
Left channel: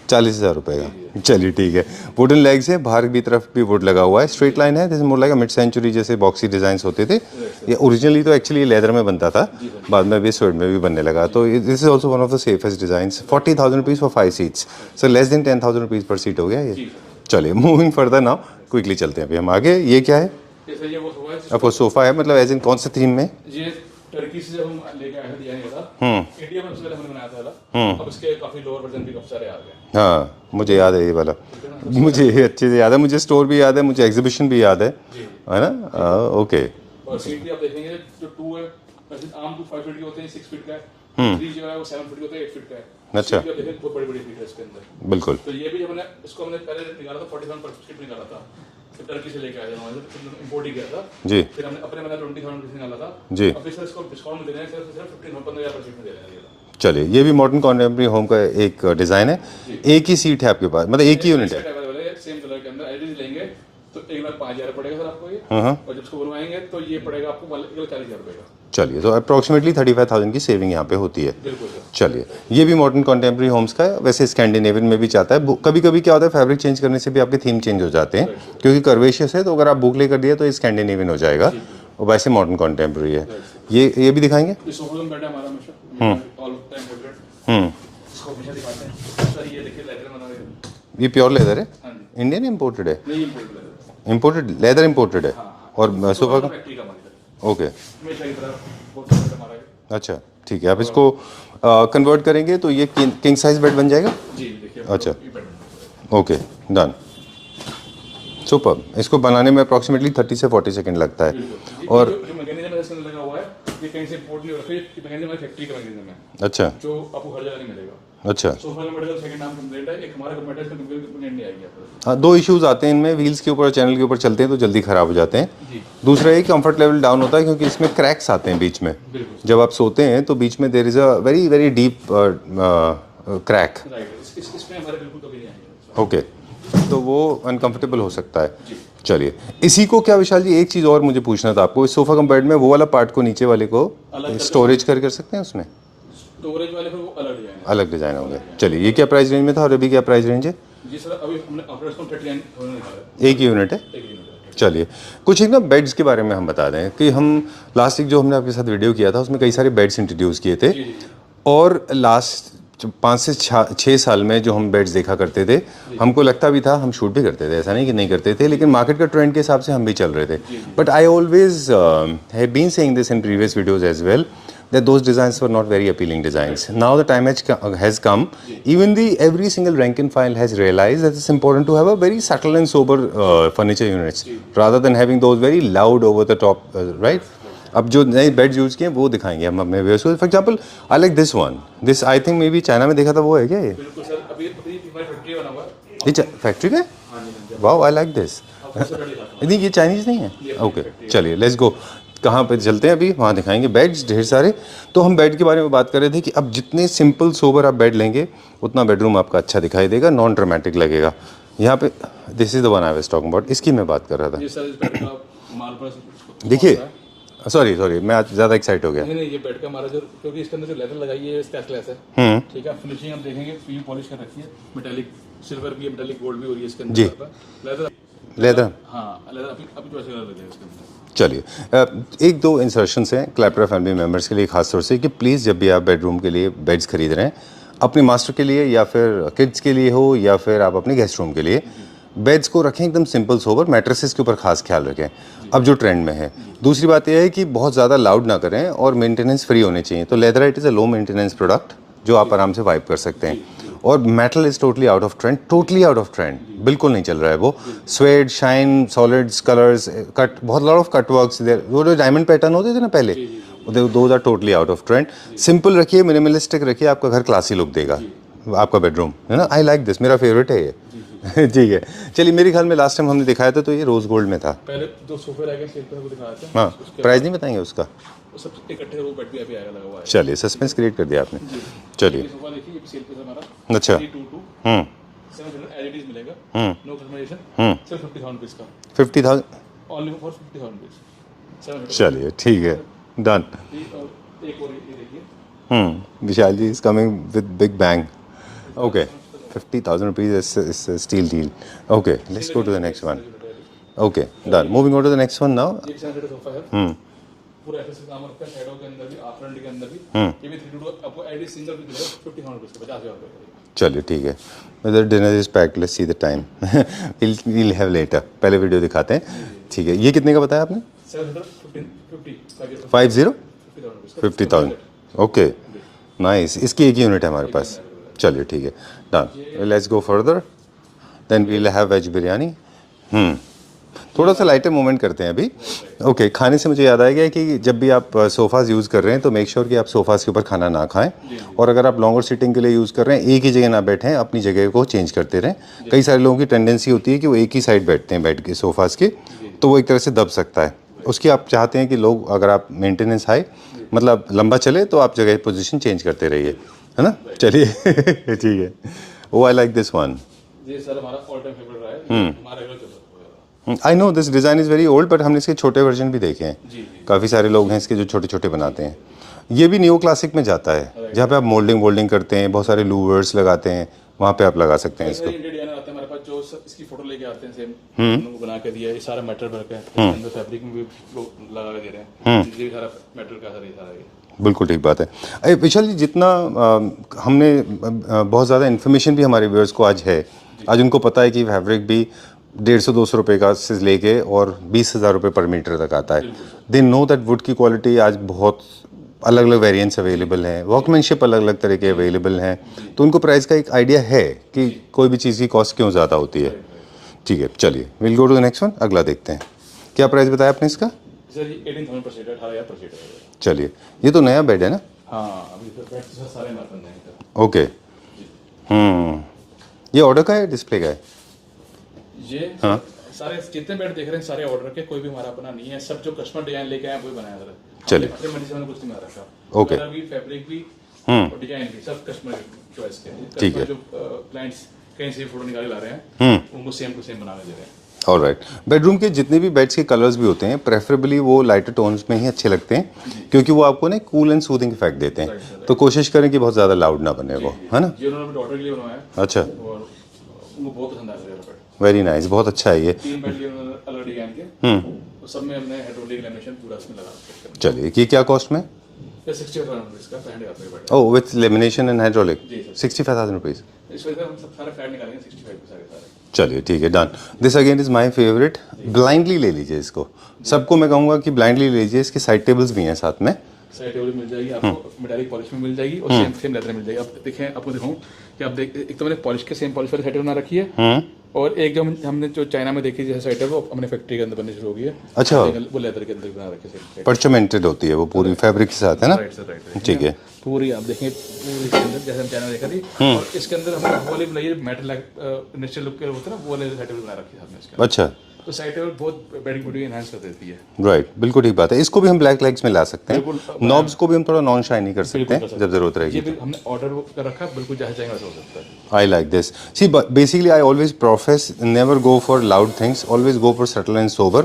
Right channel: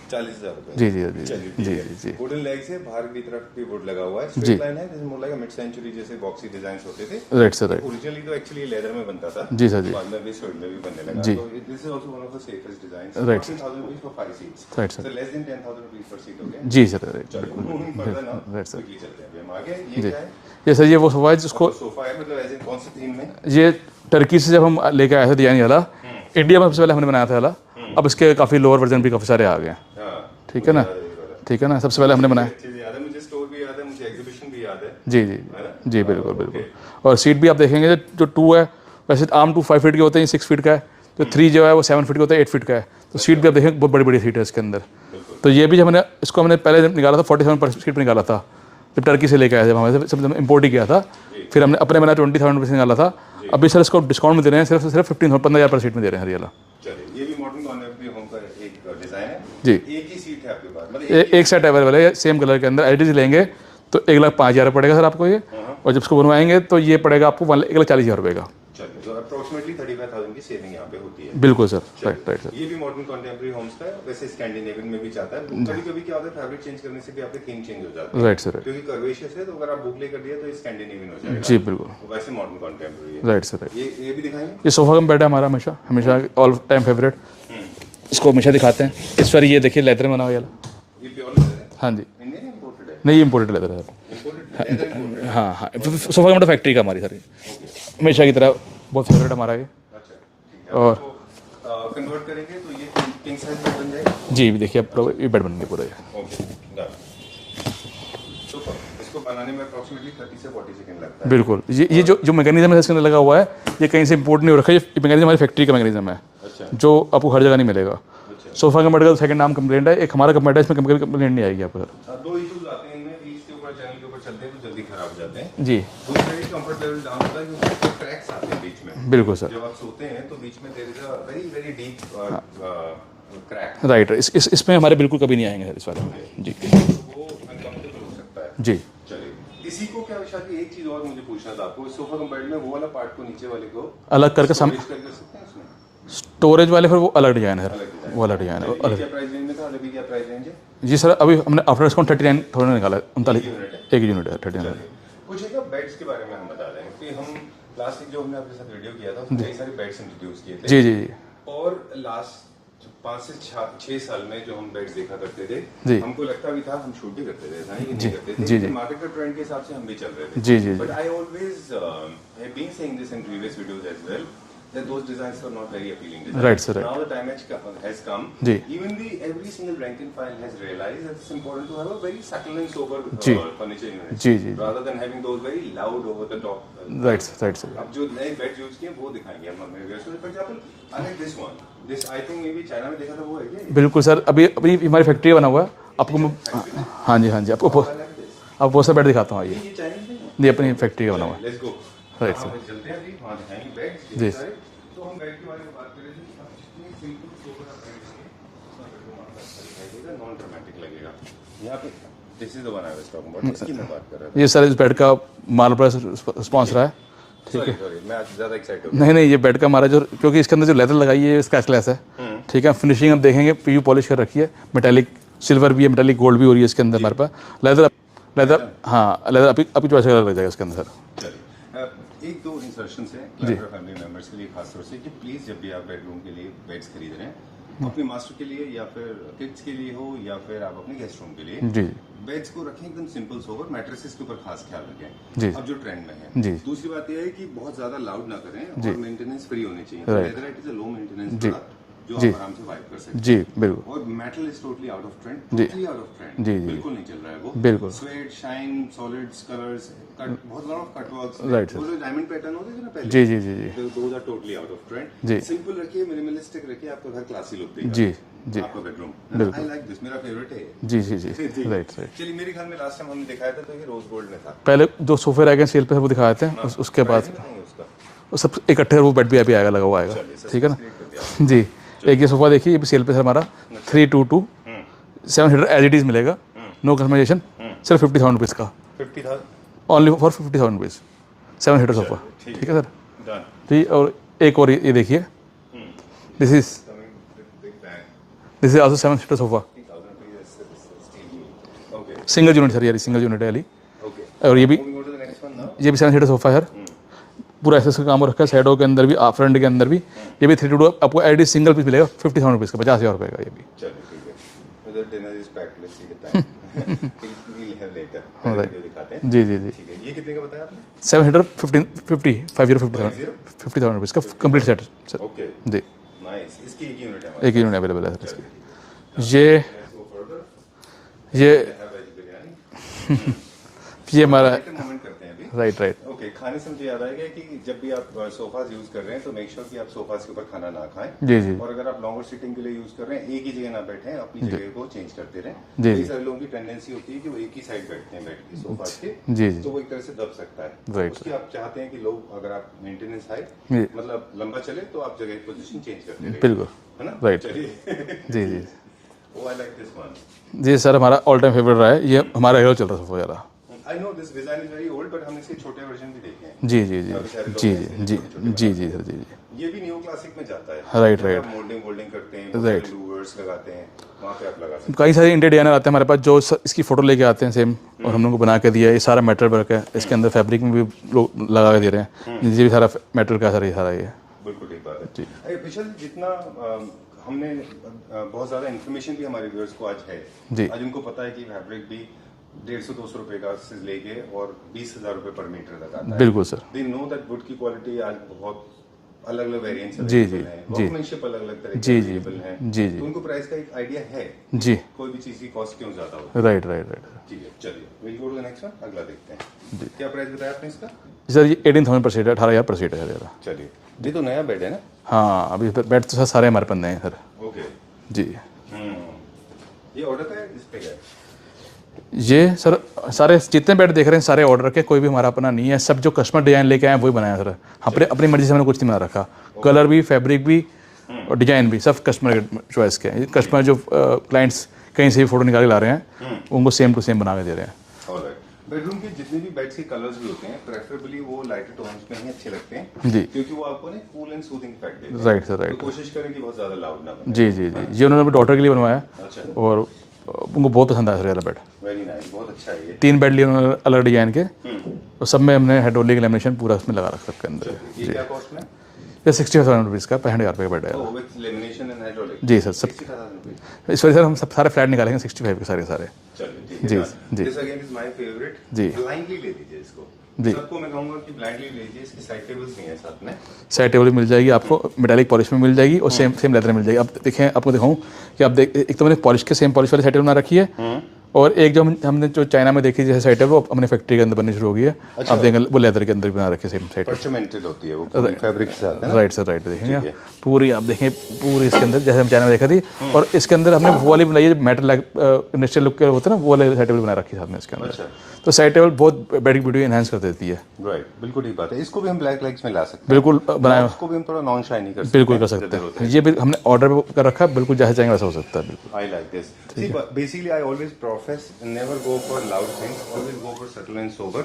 40,000 रुपये। जी, जी। चलिए ठीक है। वुडन लेग्स है, बाहर की तरफ भी वुड लगा हुआ है, स्ट्रेट लाइन है, जैसे मोर लाइक मिड सेंचुरी जैसे बॉक्सी डिजाइन होते थे। Right sir. ओरिजिनली तो एक्चुअली लेदर में बनता था, जी सर। बाद में स्वेड में भी बनने लगा। तो this is also one of the safest designs. 40,000 rupees for 5 seats, so less than 10,000 rupees per seat हो गया ये। जी सर। चलिए मूविंग फर्दर नाउ, क्विकली चलते हैं अभी हम आगे। ये क्या है? ये सर ये वो सोफा है जिसको सोफा है, मतलब एज इन कौन से थीम में? ये टर्की से जब हम लेके आए थे डिजाइन वाला, इंडिया में सबसे पहले हमने बनाया था वाला। अब इसके काफी लोअर वर्जन भी काफी सारे आ गए। हाँ मुझे याद है ये वाला। ठीक है ना, सबसे पहले हमने बनाया। अच्छे से याद है मुझे, स्टोर भी याद है मुझे, एग्जीबिशन भी याद है। जी जी है ना? जी ओके। और सीट भी आप देखेंगे जो 2 है, वैसे आम 2 5 फीट के होते हैं, 6 फीट का है। तो 3 जो है वो 7 फीट का होता है, 8 फीट का है। सीट भी आप देखेंगे बहुत बड़ी बड़ी सीट है इसके अंदर। बिल्कुल। तो ये भी जब हमने इसको हमने पहले निकाला था 47 पर सीट पर निकाला था, जब टर्की से लेके आए थे हमारे सब इम्पोर्ट ही किया था जी। फिर हमने अपने बनाया 20,000 रुपये से निकाला था जी। अभी सर इसको डिस्काउंट में दे रहे हैं, सिर्फ 15,000 पर सीट में दे रहे हैं रियल। चलिए ये भी मॉडर्न कॉन्टेम्प्रेरी होम का एक डिजाइन है जी। एक ही सीट है आपके पास, मतलब एक सेट अवेलेबल है सेम कलर के अंदर। एडिट लेंगे तो 1,05,000 पड़ेगा सर आपको ये, और जब इसको बनवाएंगे तो ये पड़ेगा आपको 1,40,000 रुपये का। चलिए तो अप्रोक्सीमेटली 35,000 की सेविंग यहाँ पे होती है। बिल्कुल सर। चलिए ये भी मॉडर्न कॉन्टेम्प्रेरी होम्स का है, वैसे स्कैंडिनेवियन में भी चाहता है। कभी कभी क्या होता है फैब्रिक चेंज करने से भी आपके थीम चेंज हो जाते हैं, राइट सर। क्योंकि कर्वेशियस है तो अगर आप बुकले कर दिया तो ये स्कैंडिनेवियन हो जाएगा। जी बिल्कुल। और वैसे मॉडर्न कॉन्टेम्प्रेरी है। Right sir. ये भी दिखाएंगे। ये सोफा कम बेड है हमारा, हमेशा हमेशा ऑल टाइम फेवरेट। इसको हमेशा दिखाते हैं। इस बार ये देखिए लेदर में बना हुआ ये प्योर लेदर है? हाँ जी। इंडियन इंपोर्टेड है? नहीं इम्पोर्टेड लेदर है। इंपोर्टेड लेदर इंपोर्टेड है? हाँ हाँ। और सोफा फैक्ट्री का हमारी सर, ओके। हमेशा की तरह बहुत फेवरेट हमारा ये। अच्छा ठीक है। अब इसको कन्वर्ट करेंगे तो ये किंग साइज बेड बन जाएगा? जी देखिए अब ये बेड बनेंगे पूरा। Okay done. सुपर। इसको बनाने में अप्रोक्सीमेटली 30 से 40 सेकंड लगता है। बिल्कुल। ये जो मैकेनिज्म है इसके अंदर लगा हुआ है, ये कहीं से इंपोर्ट नहीं हो रखा है। ये मैकेनिज्म हमारी फैक्ट्री का मैकेनिज्म है। अच्छा। जो आपको हर जगह नहीं मिलेगा। अच्छा। सोफा का मेडिकल सेकंड नाम कंप्लेंट है, एक हमारा कंप्लेंट है, इसमें केमिकल कंप्लेंट नहीं आएगी आपको। हाँ, दो इश्यूज आते हैं इनमें, व्हील्स के ऊपर चैनल के ऊपर चलते हैं तो जल्दी खराब हो जाते हैं जी। दूसरा एक कंफर्ट लेवल डाउन होता है क्योंकि इसमें क्रैक्स आते हैं बीच में। बिल्कुल सर। जब आप सोते हैं तो बीच में there is a very very deep crack. Right. इसमें हमारे बिल्कुल कभी नहीं आएंगे इस बार। ओके जी। तो वो अनकंफर्टेबल हो सकता है। जी। चलिए इसी को क्या विशाल जी, एक चीज और मुझे पूछना था आपको, इस सोफा कम बेड में वो वाला पार्ट को नीचे वाले को अलग करके स्टोरेज कर सकते हैं उसमें? स्टोरेज वाले फिर वो अलग डिजाइन है। अलग डिजाइन वाला डिजाइन। चलिए ये क्या प्राइस रेंज में था और अभी क्या प्राइस रेंज है? जी सर अभी हमने आफ्टर डिस्काउंट 39,000 निकाला है। एक यूनिट है? एक यूनिट है 39। चलिए कुछ एक ना बेड्स के बारे में हम बता दें कि हम लास्ट वीक जो हमने आपके साथ वीडियो किया था उसमें कई सारे बेड्स इंट्रोड्यूस किए थे। जी जी जी। और लास्ट 5 से 6 साल में जो हम बेड्स देखा करते थे, हमको लगता भी था, हम शूट भी करते थे, ऐसा नहीं कि नहीं करते थे, लेकिन मार्केट का ट्रेंड के हिसाब से हम भी चल रहे थे। But I always have been saying this in previous videos as well, that those designs were not very appealing designs. Right, sir. Now the time has come. जी. Even every single rank and file has realized that it's important to have a very subtle and sober furniture units जी. rather than having those very loud over the top, right? Right, sir. अब जो नए beds use किए वो दिखाएंगे हम अपने viewers को. For example I like this one. This I think may be China में देखा था, वो है क्या ये? बिल्कुल सर, अभी हमारी फैक्ट्री बना हुआ है. फैक्ट्री का? हाँ जी, आपको वाओ, आई लाइक दिस. अब बहुत सा बेड दिखाता हूँ. नहीं, ये चाइनीज नहीं है. नहीं, अपनी फैक्ट्री. चलिए लेट्स गो. कहाँ पे चलते हैं अभी, वहाँ दिखाएंगे बेड्स ढेर सारे. तो हम बेड के बारे में बात कर रहे थे कि अब जितने सिंपल सोबर आप बेड लेंगे उतना बेडरूम आपका अच्छा दिखाई देगा, नॉन ड्रामेटिक लगेगा. यहाँ पे this is the one I was talking about, इसकी मैं बात कर रहा था. ये सर इस बेड का मार्बल पर रिस्पॉन्स है. सॉरी मैं आज ज़्यादा एक्साइट हो गया. नहीं, ये बेड का हमारा जो, क्योंकि इसके अंदर जो लेदर लगाई है स्क्रैचलेस है. ठीक है, फिनिशिंग हम देखेंगे, पीयू पॉलिश कर रखी है, मेटालिक सिल्वर भी है, मेटालिक गोल्ड भी हो रही है इसके अंदर हमारे पास. लेदर हाँ, लेदर आपकी चॉइस लग जाएगा इसके अंदर. चलिए एक दो इंसर्शंस हैं क्लैपरा फैमिली मेम्बर्स के लिए खास तौर से कि प्लीज़ जब भी आप बेडरूम के लिए बेड्स खरीद रहे हैं, अपने मास्टर के लिए या फिर किड्स के लिए हो या फिर आप अपने गेस्ट रूम के लिए, बेड्स को रखें एकदम सिंपल सोबर. मैट्रेसेस के ऊपर खास ख्याल रखें अब जो ट्रेंड में है. दूसरी बात यह है कि बहुत ज़्यादा लाउड ना करें और मेंटेनेंस फ्री होने चाहिए. तो leatherite is a low maintenance product जो आप आराम से वाइप कर सकते हैं. और metal is totally out of trend, totally out of trend, बिल्कुल नहीं चल रहा है वो. Suede, shine, solids, colours, cut, बहुत lot of cut works there. जो डायमंड पैटर्न होते थे ना पहले, those are totally out of trend. Simple रखिए, मिनिमलिस्टिक रखिए, आपका घर क्लासी लुक देगा. आपका बेडरूम है ना. आई लाइक दिस, मेरा फेवरेट है ये. जी ठीक है. चलिए, मेरे ख्याल में लास्ट टाइम हमने दिखाया था तो ये रोज गोल्ड में था. पहले जो सोफे रह गए सेल पे वो दिखाए थे. उसके प्राइस नहीं बताएंगे उसका? सब इकट्ठे वो बेड भी अभी आएगा, लगा हुआ है. चलिए, सस्पेंस क्रिएट कर दिया आपने. जी. एक ये सोफा देखिए, ये भी सेल पे है हमारा. 322 7 सीटर एज इट इज मिलेगा, नो कस्टमाइजेशन, सिर्फ 50,000 रुपीज का. 50,000 ओनली फॉर 50,000 रुपीज 7 सीटर. चलिए ठीक है, डन. और एक और ये देखिए, Vishal ji is coming with big bang. This is also 7 seater sofa. 50,000 rupees is steal deal. Okay, single unit sir, ये सिंगल यूनिट है वाली. Okay, moving on to the next one now. ये भी 7 सीटर सोफा है सर. पूरा SS का काम रखा है, साइडों के अंदर भी, फ्रंट के अंदर भी. ये भी 322 आपको एडी सिंगल पीस मिलेगा 50,000 रुपीज का, 50,000 रुपए का. ये भी चलिए ठीक है. Whether dinner is packed, let's see the time. we'll have later. पहले वीडियो दिखाते हैं. जी ठीक है. ये कितने का बताया आपने? 7 सीटर 50,000 रुपीज का कंप्लीट सेट. ओके जी, नाइस. इसकी एक यूनिट है हमारे पास. एक यूनिट अवेलेबल है. चलिए ठीक है, ये let's go further. Then we will have veg biryani. थोड़ा सा लाइटर मूवमेंट करते हैं अभी. राइट. ओके, खाने से मुझे याद आ गया कि जब भी आप सोफाज यूज़ कर रहे हैं तो मेक श्योर कि आप सोफाज के ऊपर खाना ना खाएं. जी. और अगर आप लॉन्गर सिटिंग के लिए यूज़ कर रहे हैं, एक ही जगह ना बैठें, अपनी जगह को चेंज करते रहें. कई सारे लोगों की टेंडेंसी होती है कि वो एक ही साइड बैठते हैं बेड के सोफाज के, तो वो एक तरह से दब सकता है. उसकी आप चाहते हैं कि लोग, अगर आप मेंटेनेंस हाई, मतलब लंबा चले, तो आप जगह पोजिशन चेंज करते रहिए, है ना. चलिए ठीक है. Oh, I like this one. जी सर, हमारा ऑल टाइम फेवरेट रहा है ये. हमारा हीरो चल रहा है सोफा ज़्यादा. I know this design is very old, but हमने इसके छोटे वर्जन भी देखे हैं. जी. काफ़ी सारे लोग हैं इसके जो छोटे छोटे बनाते हैं. ये भी नियो क्लासिक में जाता है, जहाँ पे आप मोल्डिंग करते हैं, बहुत सारे लूवर्स लगाते हैं, वहाँ पे आप लगा सकते हैं. कई सारे इंडियन डिजाइनर आते हैं हमारे पास जो इसकी फोटो लेके आते हैं, सेम हम लोगों को बना के दिया. ये सारा मेटल वर्क है, इसके अंदर फैब्रिक में भी लोग लगा के दे रहे हैं. ये भी सारा मेटल का सारा ये. बिल्कुल ठीक बात है. विशाल जी, जितना हमने बहुत ज़्यादा इन्फॉर्मेशन भी हमारे व्यूअर्स को आज है, आज उनको पता है कि फैब्रिक भी 150-200 रुपए का से लेके और 20,000 रुपए पर मीटर तक आता है. बिल्कुल sir. They know that would की क्वालिटी आज बहुत अलग अलग वेरिएंट्स अवेलेबल हैं, वर्कमैनशिप अलग अलग तरह के अवेलेबल हैं. तो उनको प्राइस का एक आइडिया है कि कोई भी चीज़ की कॉस्ट क्यों ज़्यादा होती है. राइट. ठीक है, चलिए will go to the next one. अगला देखते हैं. क्या प्राइस बताया आपने इसका? सर ये 18,000 पर सीट है, 18,000 पर सीट है. चलिए, ये तो नया बेड है ना? हाँ, अभी बेड तो सर सारे हमारे पास नए हैं सर. ओके जी. ये ऑर्डर का है, डिस्प्ले का है? ये सर सारे जितने बेड देख रहे हैं सारे ऑर्डर के, कोई भी हमारा अपना नहीं है. सब जो कस्टमर डिजाइन लेके आए वही बनाया सर. हमने अपनी मर्जी से हमने कुछ नहीं बना रखा. कलर भी, फैब्रिक भी और डिजाइन भी सब कस्टमर के चॉइस के हैं. कस्टमर जो क्लाइंट्स कहीं से भी फोटो निकाल के ला रहे हैं, उनको सेम टू सेम बना के दे रहे हैं. ऑलराइट. बेडरूम के जितने भी बेड्स के कलर्स भी होते हैं, प्रेफरेबली वो लाइटर टोन्स में ही अच्छे लगते हैं, क्योंकि वो आपको ना कूल एंड सूदिंग इफेक्ट देते हैं. तो कोशिश करें कि बहुत ज़्यादा लाउड ना बने. है ना? ये उन्होंने अपनी डॉटर के लिए बनवाया. अच्छा. और उनको बहुत पसंद आया सर बेड. वेरी नाइस, बहुत अच्छा है ये. 3 बेड लिए उन्होंने अलग डिजाइन के, और सब में हमने हाइड्रोलिक लैमिनेशन पूरा उसमें लगा रखा है. चलिए, ये क्या कॉस्ट में? ये 65,000 रुपीज़ का 65,000 रुपये का बेड है. Oh, with lamination and hydraulic. जी सर. 65,000 रुपीज़. इस वजह से हम सब सारे फ्लैट निकालेंगे 65 के सारे. चलिए ठीक है, done. This again is my favourite. Blindly ले लीजिए इसको. सबको मैं कहूँगा कि ब्लाइंडली ले लीजिए. इसके साइड टेबल्स भी हैं साथ में, साइड टेबल मिल जाएगी आपको, मेटालिक पॉलिश में मिल जाएगी और सेम लेदर में मिल जाएगी। अब देखें, आपको दिखाऊं कि आप देख, एक तो मैंने पॉलिश के सेम पॉलिश वाली साइड टेबल बना रखी है, और एक जो हमने जो चाइना में देखी जैसे साइड है वो अपने फैक्ट्री के अंदर बननी शुरू हो गई है। अच्छा, आप देखेंगे वो लेदर के अंदर बना रखे सेम साइड, परचमेंटेड होती है वो पूरी फैब्रिक के साथ, है ना? Right sir, right. ठीक है, पूरी आप देखें, पूरी इसके अंदर जैसे हम चाइना में देखा थी, और इसके अंदर हमने वो वाली बनाई है मेटल इंडस्ट्रियल लुक के होते हैं ना, वो वाले साइड टेबल बना रखी है साथ में इसके अंदर। अच्छा, तो साइड टेबल बहुत बैटिंग ब्यूटी एनहांस कर देती है। राइट, बिल्कुल ठीक बात है। इसको भी हम ब्लैक लेग्स में ला सकते हैं, बिल्कुल। नॉब्स को भी हम थोड़ा नॉन शाइनी कर सकते हैं, बिल्कुल कर सकते जब जरूरत हैं। ये भी हमने ऑर्डर कर रखा है, बिल्कुल जैसे चाहेंगे वैसा हो सकता है। I like this. See, but basically, I always profess never go for loud things. Always go for subtle and sober.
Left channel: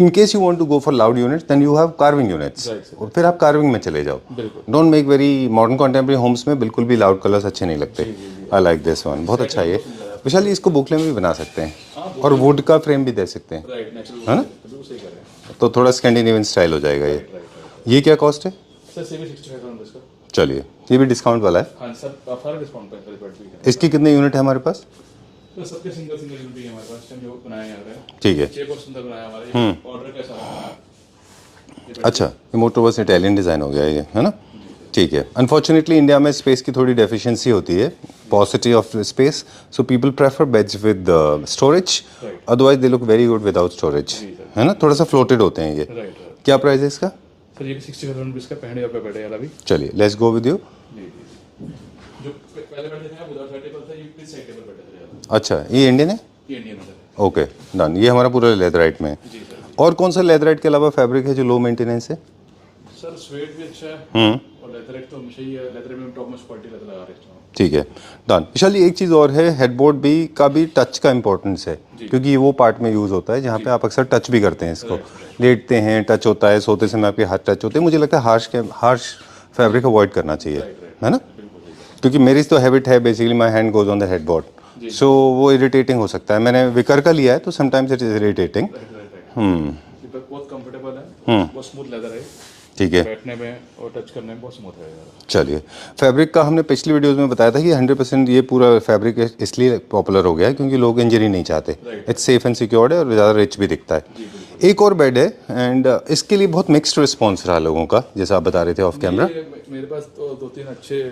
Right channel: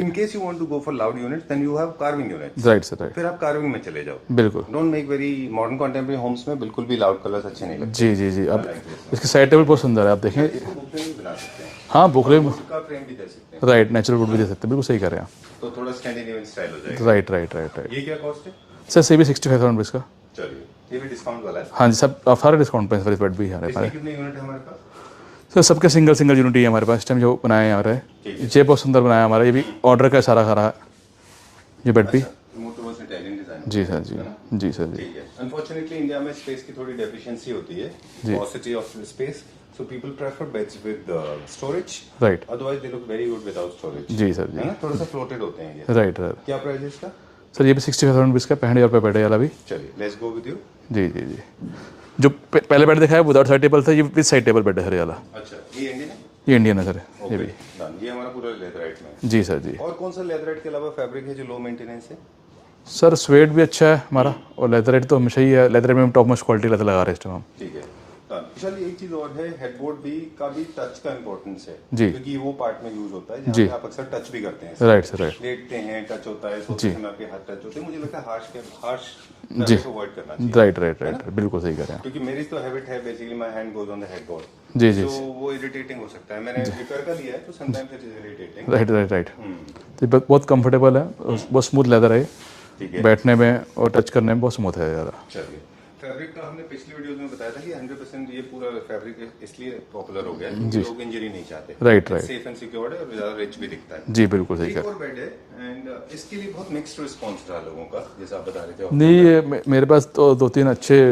In case you want to go for loud units, then you have carving units. Right, sir, right. फिर आप carving में चले जाओ. बिल्कुल। Don't make very modern contemporary homes में बिल्कुल भी loud colors अच्छे नहीं लगते. जी जी जी। I like this one. Side table बहुत सुंदर है, आप देखिए। इसको बुकले में भी बना सकते हैं. हाँ, और बुकले वुड का फ्रेम भी दे सकते हैं. राइट, नेचुरल वुड दे सकते हैं, बिल्कुल सही कर रहे हैं। तो थोड़ा स्कैंडिनेवियन स्टाइल हो जाएगा. Right right right. ये क्या कॉस्ट है सर? से भी 65,000 रुपीज़ का। चलिए, ये भी डिस्काउंट वाला है. हाँ जी, सब सारे डिस्काउंट पे इस बेड भी है। इसकी कितने यूनिट है हमारे पास? सर सबके सिंगल यूनिट ही है हमारे पास इस टाइम जो बनाए हैं हमारे। ठीक है, ये बहुत सुंदर बनाया हमारा, ये भी ऑर्डर का सारा खा रहा है ये बेड। अच्छा, ये मोटोवर्स इटालियन डिजाइन हो गया है ना? जी सर। ठीक है। अनफॉर्चुनेटली इंडिया में स्पेस की थोड़ी डेफिशिएंसी होती है, paucity of space, so people prefer beds with storage, right, otherwise they look very good without storage. जी सर, है ना? थोड़ा सा फ्लोटेड होते हैं ये। Right right. क्या प्राइस है इसका? सर ये भी 65,000 रुपीज़ का, 65,000 रुपये बेड है वाला भी। चलिए, लेट्स गो विद यू। जी जी जी। जो पहले बेड दिखाया विदाउट साइड टेबल था, ये विद साइड टेबल बेड है सर ये वाला। अच्छा, ये इंडियन है? ये इंडियन है सर। Okay, done. ये हमारा पूरा लेदराइट में है। जी सर जी। और कौन सा लेदराइट के अलावा फैब्रिक है जो लो मेंटेनेंस है? सर स्वेट भी अच्छा है हमारा, और लेदरेट तो हमेशा ही है, लेदर में हम टॉप मोस्ट क्वालिटी लेदर लगा रहे हैं इस टाइम हम। ठीक है, डन। विशाल, एक चीज़ और है, हेडबोर्ड भी का भी टच का इंपॉर्टेंस है, क्योंकि ये वो पार्ट में यूज होता है जहाँ पे आप अक्सर टच भी करते हैं। Right sir, right. लेटते हैं, टच होता है, सोते समय आपके हाथ टच होते हैं। मुझे लगता है हार्श फैब्रिक अवॉइड करना चाहिए। राइट राइट, है ना? बिल्कुल सही कर रहे हैं, क्योंकि मेरी तो हैबिट है, basically my hand goes on the headboard, जी सो वो इरिटेटिंग हो सकता है। मैंने विकर का लिया है तो sometimes it is irritating. Right right right. बहुत कंफर्टेबल है, बहुत स्मूथ लेदर है, ठीक है, बैठने में और टच करने में बहुत स्मूथ है ज़्यादा। चलिए, फैब्रिक का हमने पिछली वीडियोस में बताया था कि 100% ये पूरा फैब्रिक इसलिए पॉपुलर हो गया है क्योंकि लोग इंजरी नहीं चाहते। Right, it's safe and secured है और ज़्यादा रिच भी दिखता है। जी बिल्कुल। एक और बेड है एंड इसके लिए बहुत मिक्स्ड रिस्पॉन्स रहा लोगों का, जैसा आप बता रहे थे ऑफ कैमरा। नहीं, मेरे पास तो 2-3 अच्छे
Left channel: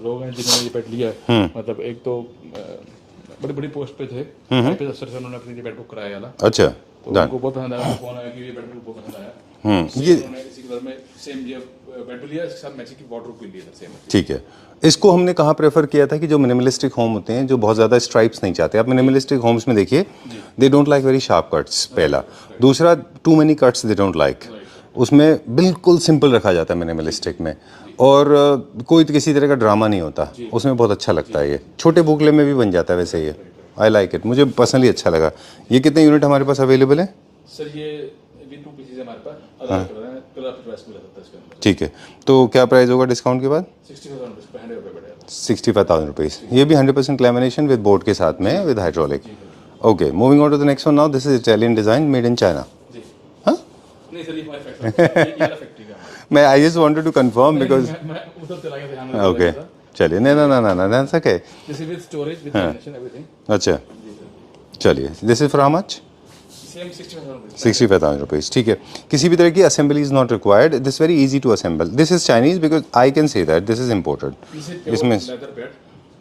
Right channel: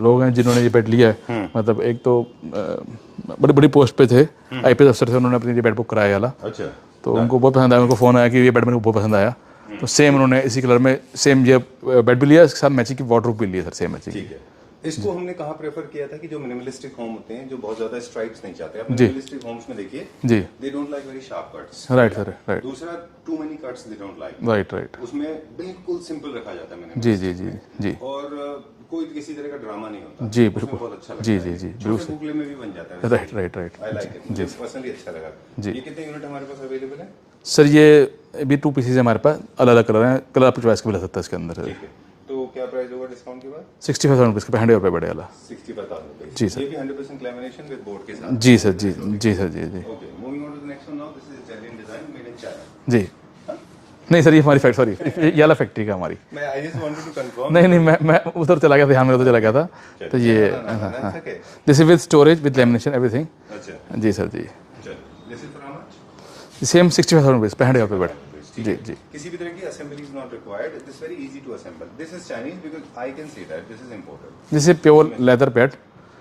लोग हैं जिन्होंने ये बेड लिया है। मतलब एक तो बड़ी बड़ी पोस्ट पे थे, IPS अफसर थे, उन्होंने अपनी ये बेड बुक कराया वाला। अच्छा, तो उनको बहुत पसंद आया, उनको फ़ोन आया कि ये बेड मेरे को बहुत पसंद आया। सेम उन्होंने इसी कलर में सेम ये बेड भी लिया, इसके साथ मैचिंग की वार्डरोब भी लिया सर, सेम मैचिंग। ठीक है। इसको हमने कहाँ प्रेफर किया था कि जो मिनिमलिस्टिक होम होते हैं, जो बहुत ज़्यादा स्ट्राइप्स नहीं चाहते, आप मिनिमलिस्टिक होम्स में देखिए, they don't like very sharp cuts, पहला। दूसरा, too many cuts they don't like. Right right. उसमें बिल्कुल सिंपल रखा जाता है मिनिमलिस्टिक में, और कोई किसी तरह का ड्रामा नहीं होता, उसमें बहुत अच्छा लगता है। ये छोटे बुकले में भी बन जाता है वैसे। ये आई लाइक इट, मुझे पर्सनली अच्छा लगा। ये कितने यूनिट हमारे पास अवेलेबल है? सर ये भी 2 पीसेज हमारे पास, अलग अलग कलर हैं, कलर आप चॉइस के भी ले सकते हैं इसके अंदर। ठीक है, तो क्या प्राइस होगा डिस्काउंट के बाद? 65,000 रुपीज़ का, 65,000 रुपये बड़े वाला। 65,000 रुपीज़। ये भी 100% लैमिनेशन विद बोर्ड के साथ में, विद हाइड्रोलिक। जी सर जी जी। Okay, moving on to the next one now. This is Italian design made in China. जी। नहीं सर, ये हमारी फैक्ट्री, सॉरी, ये वाला फैक्ट्री का हमारी। मैं I just wanted to confirm. नहीं, मैं उधर चला गया, ध्यान में उधर चला गया था। चलिए, ना that's okay. This is with storage, with lamination, everything. अच्छा जी सर जी। चलिए, this is for how much? Same 65,000 rupees. 65,000 rupees, ठीक है। किसी भी तरह की assembly is not required, this very easy to assemble. This is Chinese because I can say that this is imported. This is pure leather bed,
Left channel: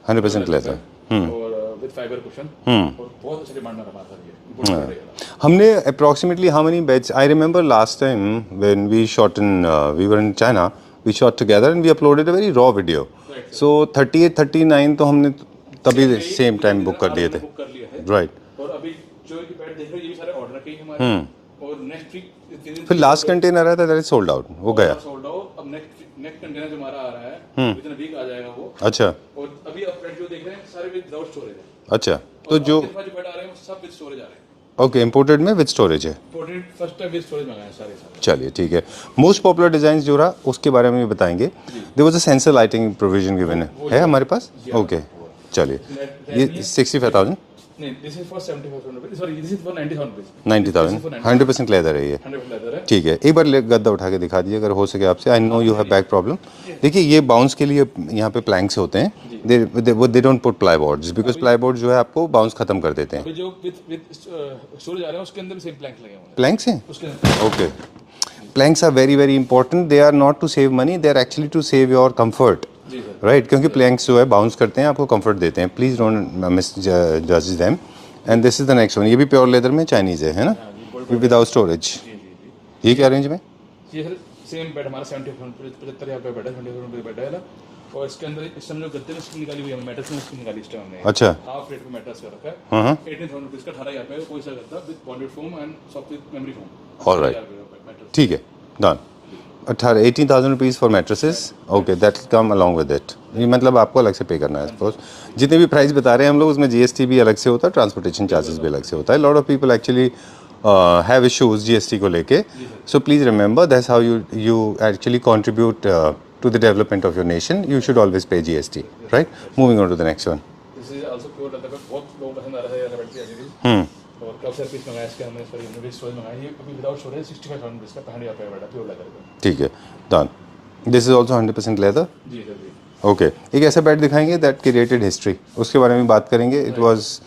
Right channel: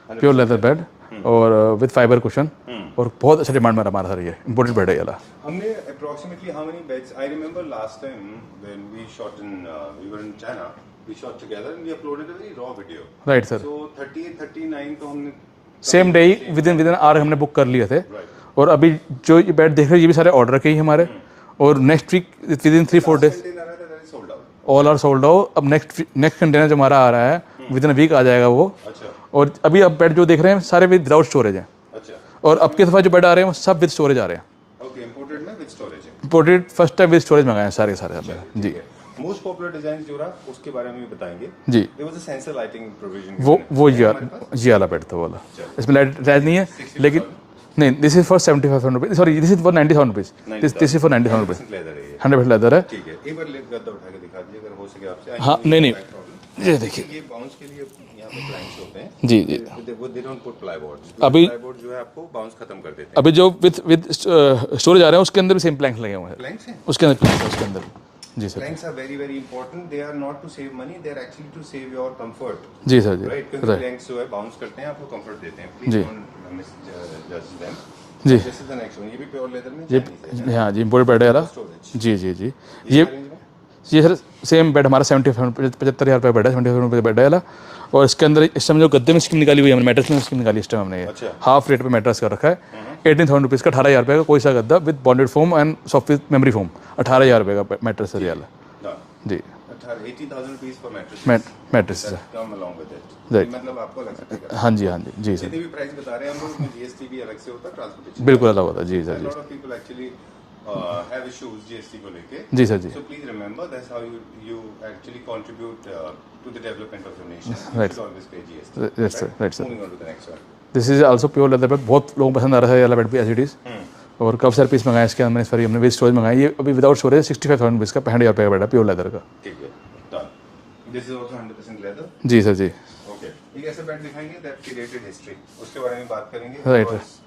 pure leather bed और with fibre cushion, और बहुत अच्छा demand में हमारा sir, ये important bed है ये। हमने approximately how many beds, I remember last time when we shot in, we were in China, we shot together and we uploaded a very raw video. Right sir. So 38, 39 तो हमने same day within hour हमने book कर लिए थे। Right. और अभी जो ये बेड देख रहे हैं, ये भी सारे ऑर्डर के ही हमारे, और next week within 3-4 last days container आया था, that is sold out, all are sold out. अब नेक्स्ट कंटेनर जो हमारा आ रहा है विदिन अ वीक आ जाएगा वो। अच्छा। और अभी अब बेड जो देख रहे हैं सारे विदाउट स्टोरेज हैं। अच्छा। और अब के दफा जो बेड आ रहे हैं वो सब विद स्टोरेज आ रहे हैं। ओके, इंपोर्टेड में विद स्टोरेज है। Imported first time with storage मंगाए हैं सारे। चलिए, ठीक है। मोस्ट पॉपुलर डिजाइन जो रहा उसके बारे में भी बताएंगे। जी। There was a sensor lighting provision given वो है हमारे पास। जी वाला बेड तो वाला। चलिए, इसमें लाइट नहीं है। 65,000 नहीं, this is for 75,000 rupees, sorry this is for 90,000 rupees. 100% leather है ये। 100% लेदर है। ठीक है, एक बार गद्दा उठा के दिखा दीजिए अगर हो सके आपसे। I know you have back problem. देखिए, ये बाउंस के लिए यहाँ पे प्लैंक्स होते हैं जी। They don't put ply boards because ply board जो है आपको बाउंस खत्म कर देते हैं। अभी जो विद स्टोरेज आ रहा है उसके अंदर भी सेम प्लैंक्स लगे हुए हैं। प्लैंक्स हैं उसके अंदर। Okay, Planks are very very important. They are not to save money. They are actually to save your comfort. जी सर जी Right? क्योंकि planks जो है bounce करते हैं, आपको comfort देते हैं. Please don't misjudge them. And this is the next one. ये भी pure leather में Chinese है ना? हाँ जी इम्पोर्टेड बेड है Without storage. जी जी जी ये क्या रेंज में? ये सर सेम बेड हमारा 75,000 रुपये बेड है 75,000 रुपये बेड है वाला और इसके अंदर इस टाइम जो गद्दे में स्कीम निकाली हुई है हमने मैट्रेस में स्कीम निकाली इस टाइम हमने अच्छा हाफ रेट पे मैट्रेस कर रखा है 18,000 रुपीज़ का 18,000 रुपये का कोई सा गद्दा with bonded foam and soft with memory foam 18,000 रुपये का मैट्रेस ठीक है डन जी 18,000 rupees for mattresses okay that come along with it मतलब आपको अलग से पे करना है हाँ जी जी जितने भी प्राइस बता रहे हैं हम लोग उसमें जीएसटी भी अलग से होता है ट्रांसपोर्टेशन चार्जेस भी अलग से होता है lot of people actually have issues GST को लेके जी सर जी so please remember that's how you actually contribute to the development of your nation you should always pay GST right moving on to the next one this is also pure leather bed बहुत लोगों को पसंद आ रहा है ये वाला bed भी as it is और काफ़ी सारे पीस मंगाए इसके अंदर सॉरी हमने विद स्टोरेज मंगाया ये अभी विदाउट स्टोरेज 65,000 रुपीज़ का 65,000 रुपये का बेड है प्योर लेदर का ठीक है done this is also 100% leather जी सर जी ओके एक ऐसा बेड दिखाएंगे दैट क्रिएटेड हिस्ट्री उसके बारे में बात करेंगे it was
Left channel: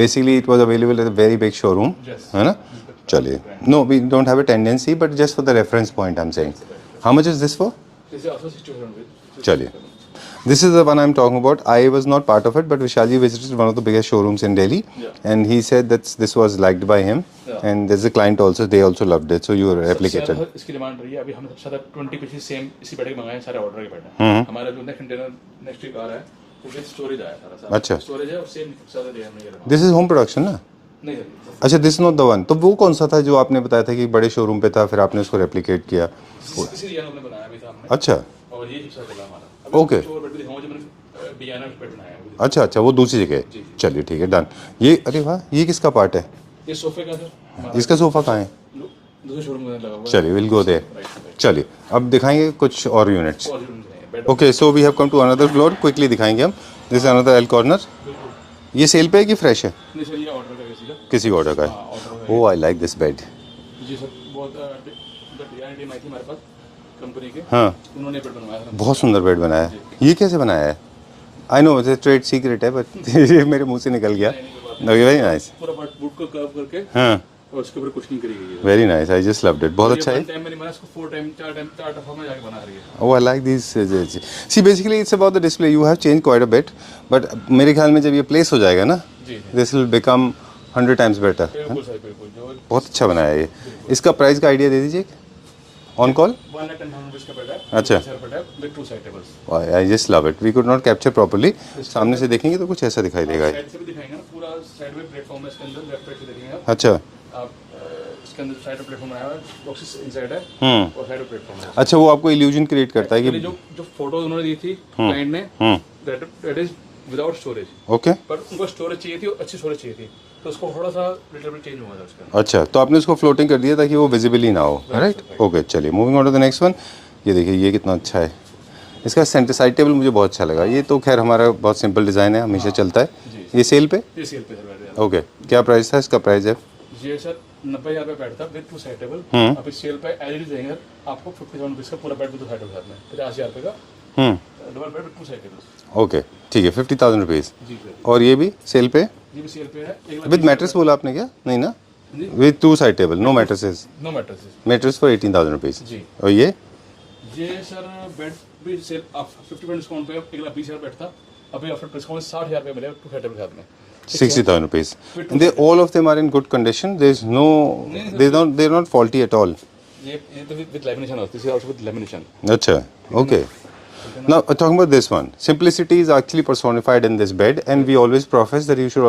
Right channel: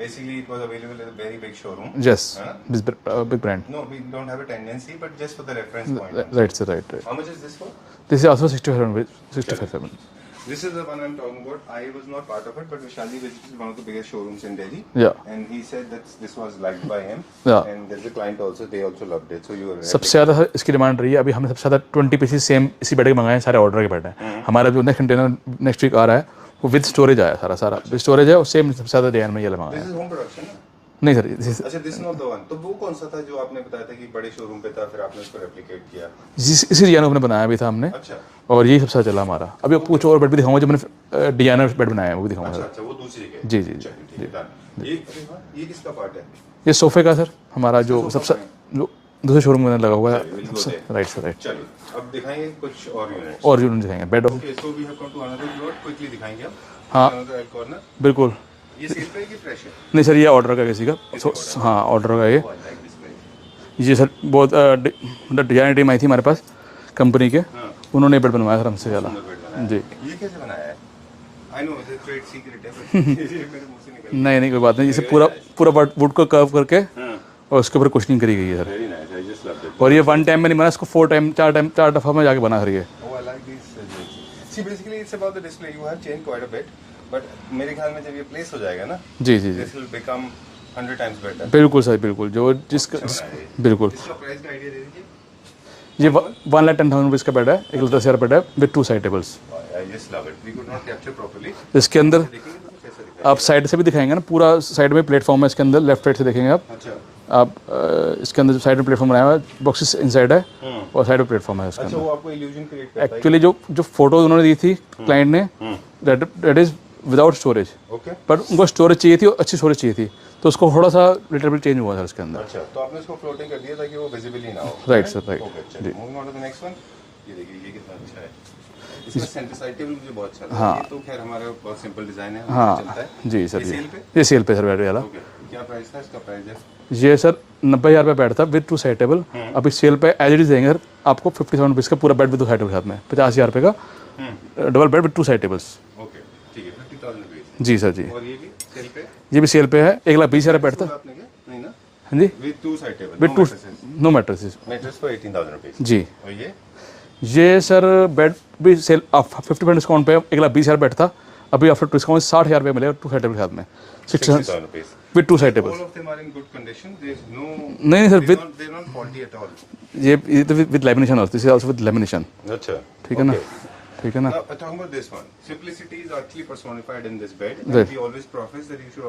basically it was available at a very big showroom yes है ना big brand no we don't have a tendency but just for the reference point I'm saying right how much is this for this is also 65,000 this is the one I'm talking about I was not part of it but Vishalji visited one of the biggest showrooms in Delhi yeah and he said that this was liked by him and there's a client also they also loved it so you were सबसे ज़्यादा इसकी demand रही है अभी हमने सबसे ज़्यादा 20 pieces same इसी बेड के मंगाए हैं सारे ऑर्डर के बेड हैं हमारा जो नेक्स्ट कंटेनर नेक्स्ट वीक आ रहा है वो विद स्टोरेज आया सारा अच्छा स्टोरेज है और सेम सबसे ज़्यादा डिजाइन में ये लगा दिस इज होम प्रोडक्शन ना नहीं सर अच्छा दिस नॉट द वन तो वो कौन सा था जो आपने बताया था कि बड़े शोरूम पे था फिर आपने उसको रेप्लिकेट किया इसी डिजाइन में बनाया भी था हमने अच्छा और यही सबसे चला हमारा अभी कुछ और बेड भी दिखाऊंगा जो मैंने डिजाइनर बेड बनाया है वो भी दिखाऊंगा अच्छा वो दूसरी जगह जी जी चलिए ठीक है डन ये अरे वाह ये किसका पार्ट है ये सोफे का सर हमारा इसका सोफा कहाँ है जो दूसरे शोरूम में लगा हुआ है चलिए will go there right sir right चलिए अब दिखाएंगे कुछ और यूनिट्स और यूनिट दिखाएंगे bed okay so we have come to another floor quickly दिखाएंगे हम this is another L corner बिल्कुल ये सेल पे है कि फ्रेश है नहीं सर ये ऑर्डर का किसी ऑर्डर का हाँ ऑर्डर का ये oh I like this bed जी सर बहुत डिजाइन टीम आई थी हमारे पास कंपनी के हाँ उन्होंने बेड बनवाया सर हमसे बहुत सुंदर बेड बनाया है ये कैसे बनाया है I know it's trade secret है बट ये मेरे मुंह से निकल गया नहीं कोई बात नहीं पूरा वुड को कर्व करके हाँ और उसके ऊपर कुशनिंग करी गई है very nice I just loved it और ये वन टाइम में नहीं बना इसको 4 दफा में जाके बना रही है oh I like this see basically it's about the display you have change quite a bit but मेरे ख्याल में जब ये प्लेस हो जाएगा ना जी this will become 100 times better बिल्कुल सर बिल्कुल जो बहुत अच्छा बनाया है ये बिल्कुल इसका प्राइस का आइडिया दे दीजिए ऑन कॉल 1,10,000 रुपीज़ का बेड है 10,000 बेड है with 2 side tables I just love it we could not capture properly इसके अंदर से देखेंगे तो कुछ ऐसा दिखाई आप देगा साइड से भी दिखाएंगे ना पूरा साइड में प्लेटफॉर्म है इसके अंदर लेफ्ट राइट से देखेंगे अच्छा आप इसके अंदर जो साइड में प्लेटफॉर्म बनाया हुआ है बॉक्सेस इनसाइड है और साइड में प्लेटफॉर्म है अच्छा वो आपको इल्यूजन क्रिएट करता है एक्चुअली जो फोटोज उन्होंने दी थी क्लाइंट ने that is without storage okay but उनको स्टोरेज चाहिए थी और अच्छी स्टोरेज चाहिए थी तो उसको थोड़ा सा लिटिल बिट चेंज हुआ था उसके अंदर अच्छा तो आपने उसको फ्लोटिंग कर दिया ताकि वो विजिबल ही ना हो राइट ओके चलिए moving on to the next one ये देखिए ये कितना अच्छा है इसका सेंटर साइड टेबल मुझे बहुत अच्छा लगा ये तो खैर हमारा बहुत सिंपल डिजाइन है हमेशा चलता है जी ये सेल पे सर बैठ वाला ओके क्या प्राइस था इसका प्राइस है ये सर 90,000 रुपये बेड था विद 2 साइड टेबल अभी सेल पे एज इट इज देंगे सर आपको 57 रुपीज़ का पूरा बेड विद 2 साइड टेबल साथ में 50,000 रुपये का double bed with 2 side tables okay ठीक है 50,000 रुपीज़ जी सर जी और ये भी सेल पे ये भी सेल पे है 1,20,000 बोला आपने क्या नहीं ना हाँ जी with 2 side table no mattresses no mattresses mattress for 18,000 rupees जी और ये सर बेड भी सेल 50% डिस्काउंट पे 1,20,000 बेड था अभी आफ्टर डिस्काउंट 60,000 रुपये मिलेगा 2 साइड टेबल साथ में 60,000 rupees. With 2 side all of them are in good condition. There is no. नहीं sir. They're not faulty at all. ये तो with lamination also. This is also with lamination. अच्छा. Okay. ठीक है ना. Now talking about this one, simplicity is actually personified in this bed, and we always profess that you should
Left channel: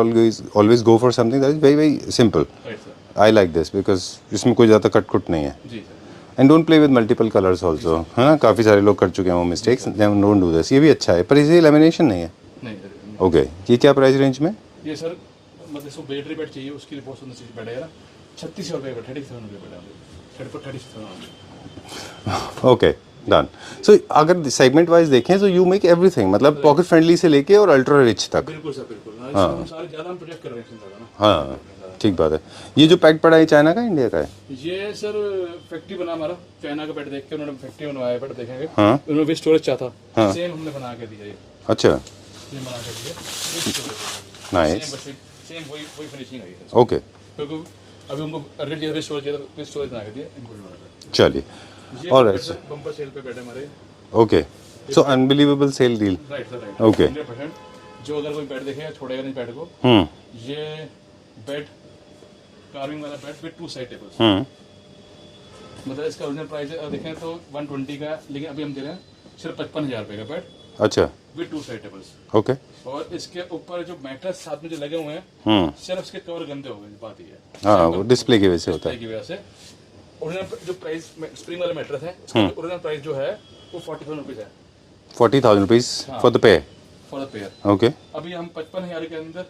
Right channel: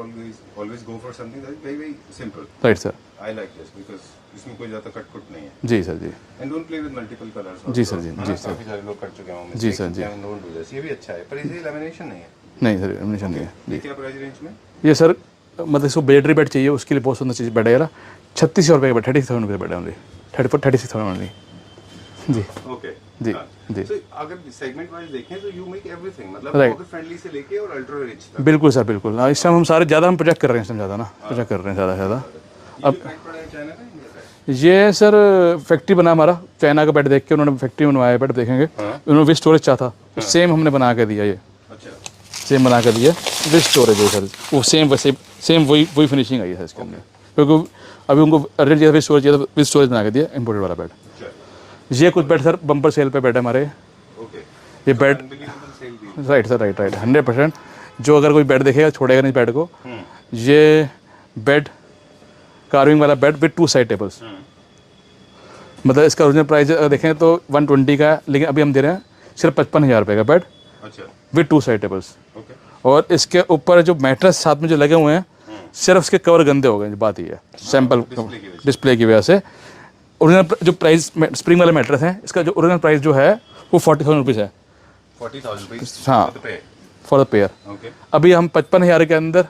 always go for something that is very very simple. Right sir. I like this because इसमें कोई ज़्यादा cut नहीं है. जी sir जी. And don't play with multiple colors also. हाँ काफ़ी सारे लोग कर चुके हैं वो mistakes. Don't do this. ये भी अच्छा है पर इसे lamination नहीं है. नहीं सर. ओके ये क्या प्राइस रेंज में ये सर मतलब इसको बेडरी बेड चाहिए उसके लिए बहुत सुंदर चीज़ बेड है यार 36,000 रुपये का बेड 36,000 रुपये बेड है only 36,000 only okay done so अगर सेगमेंट वाइज देखें तो यू मेक एवरीथिंग मतलब पॉकेट फ्रेंडली से लेके और अल्ट्रा रिच तक बिल्कुल सर बिल्कुल इस टाइम हम सारे ज़्यादा हम प्रोजेक्ट कर रहे हैं ज़्यादा ना प्रोजेक्ट कर रहे हैं ज़्यादा ठीक बात है ये जो पैक पड़ा है चाइना का इंडिया का है ये सर फैक्ट्री बना हमारा चाइना का बेड देख के उन्होंने फैक्ट्री बनवाया बेड देखेंगे उन्होंने भी स्टोरेज चाहा था सेम हमने बना के दिया ये अच्छा सेम बना कर दिया विद स्टोरेज है सर सेम वही फिनिशिंग आई है ओके क्योंकि अभी उनको अर्जेंट चाहिए स्टोरेज चाहिए, विद स्टोरेज बना के दिया इम्पोर्टेड वाला बेड। चलिए, ये कुछ बेड सर बम्पर सेल पे बेड है हमारे। Okay, so unbelievable sale deal. Right sir, right 100%। जो अगर कोई बेड देखेगा छोड़ेगा नहीं बेड को। ये बेड कार्विंग वाला बेड विद 2 साइड टेबल्स। मतलब इसका ओरिजिनल प्राइस अगर देखें तो 120 का है, लेकिन अभी हम दे रहे हैं सिर्फ 55,000 रुपये का बेड। अच्छा, विद 2 साइड टेबल्स। ओके। और इसके ऊपर जो मैट्रेस साथ में जो लगे हुए हैं, सिर्फ उसके कवर गंदे हो गए, बात ही है सैंपल डिस्प्ले की वजह से। ओरिजिनल जो प्राइस स्प्रिंग वाले मैट्रेस है, इसका जो ओरिजिनल प्राइस जो है वो 40,000 रुपीज़ है। 40,000 rupees for the pair. For the pair, okay. अभी हम 55,000 के अंदर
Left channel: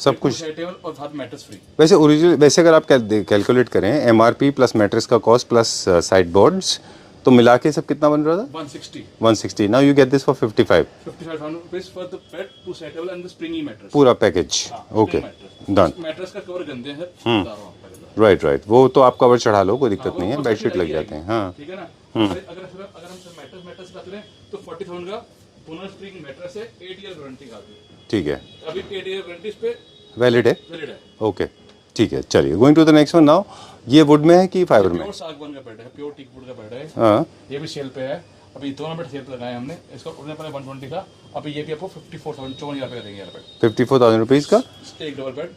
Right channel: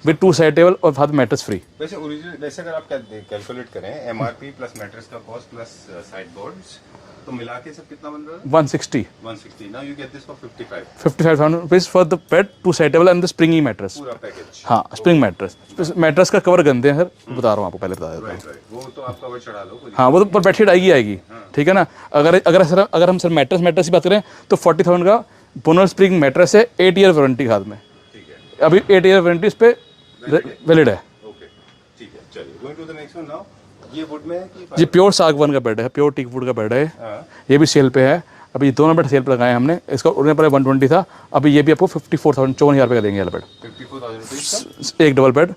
सब 2 साइड टेबल और साथ मैट्रेस फ्री। वैसे ओरिजिनल, वैसे अगर आप कैलकुलेट करें एमआरपी प्लस मैट्रेस का कॉस्ट प्लस साइड बोर्ड्स, तो मिला के सब कितना बन रहा था? 160। Now you get this for 55,000 rupees for the bed, 2 side table and the springy mattress. पूरा पैकेज। हाँ, स्प्रिंग मैट्रेस। मैट्रेस का कवर गंदे हैं सर, बता रहा हूँ आपको, पहले बता रहा हूँ। राइट, वो तो आप कवर चढ़ा लो, कोई दिक्कत हाँ, वो नहीं तो ऊपर बेडशीट आएगी। ठीक है ना। अगर हम सर मैट्रेस की बात करें तो 40,000 का बोनस स्प्रिंग मैट्रेस है, 8 ईयर वारंटी हाथ में। ठीक है, अभी 8 ईयर वारंटी इस पे वैलिड है। ओके, ठीक है। चलिए, going to the next one now. ये वुड में है कि फाइबर? ये प्योर सागवान का बेड है, प्योर टीक वुड का बेड है। ये भी सेल पे है। अभी ये दोनों बेड सेल पे लगाए हमने। इसका ओरिजिनल प्राइस 120 था, अभी ये भी आपको 54,000 रुपये का देंगे बेड। 54,000 रुपीज़ का एक double bed,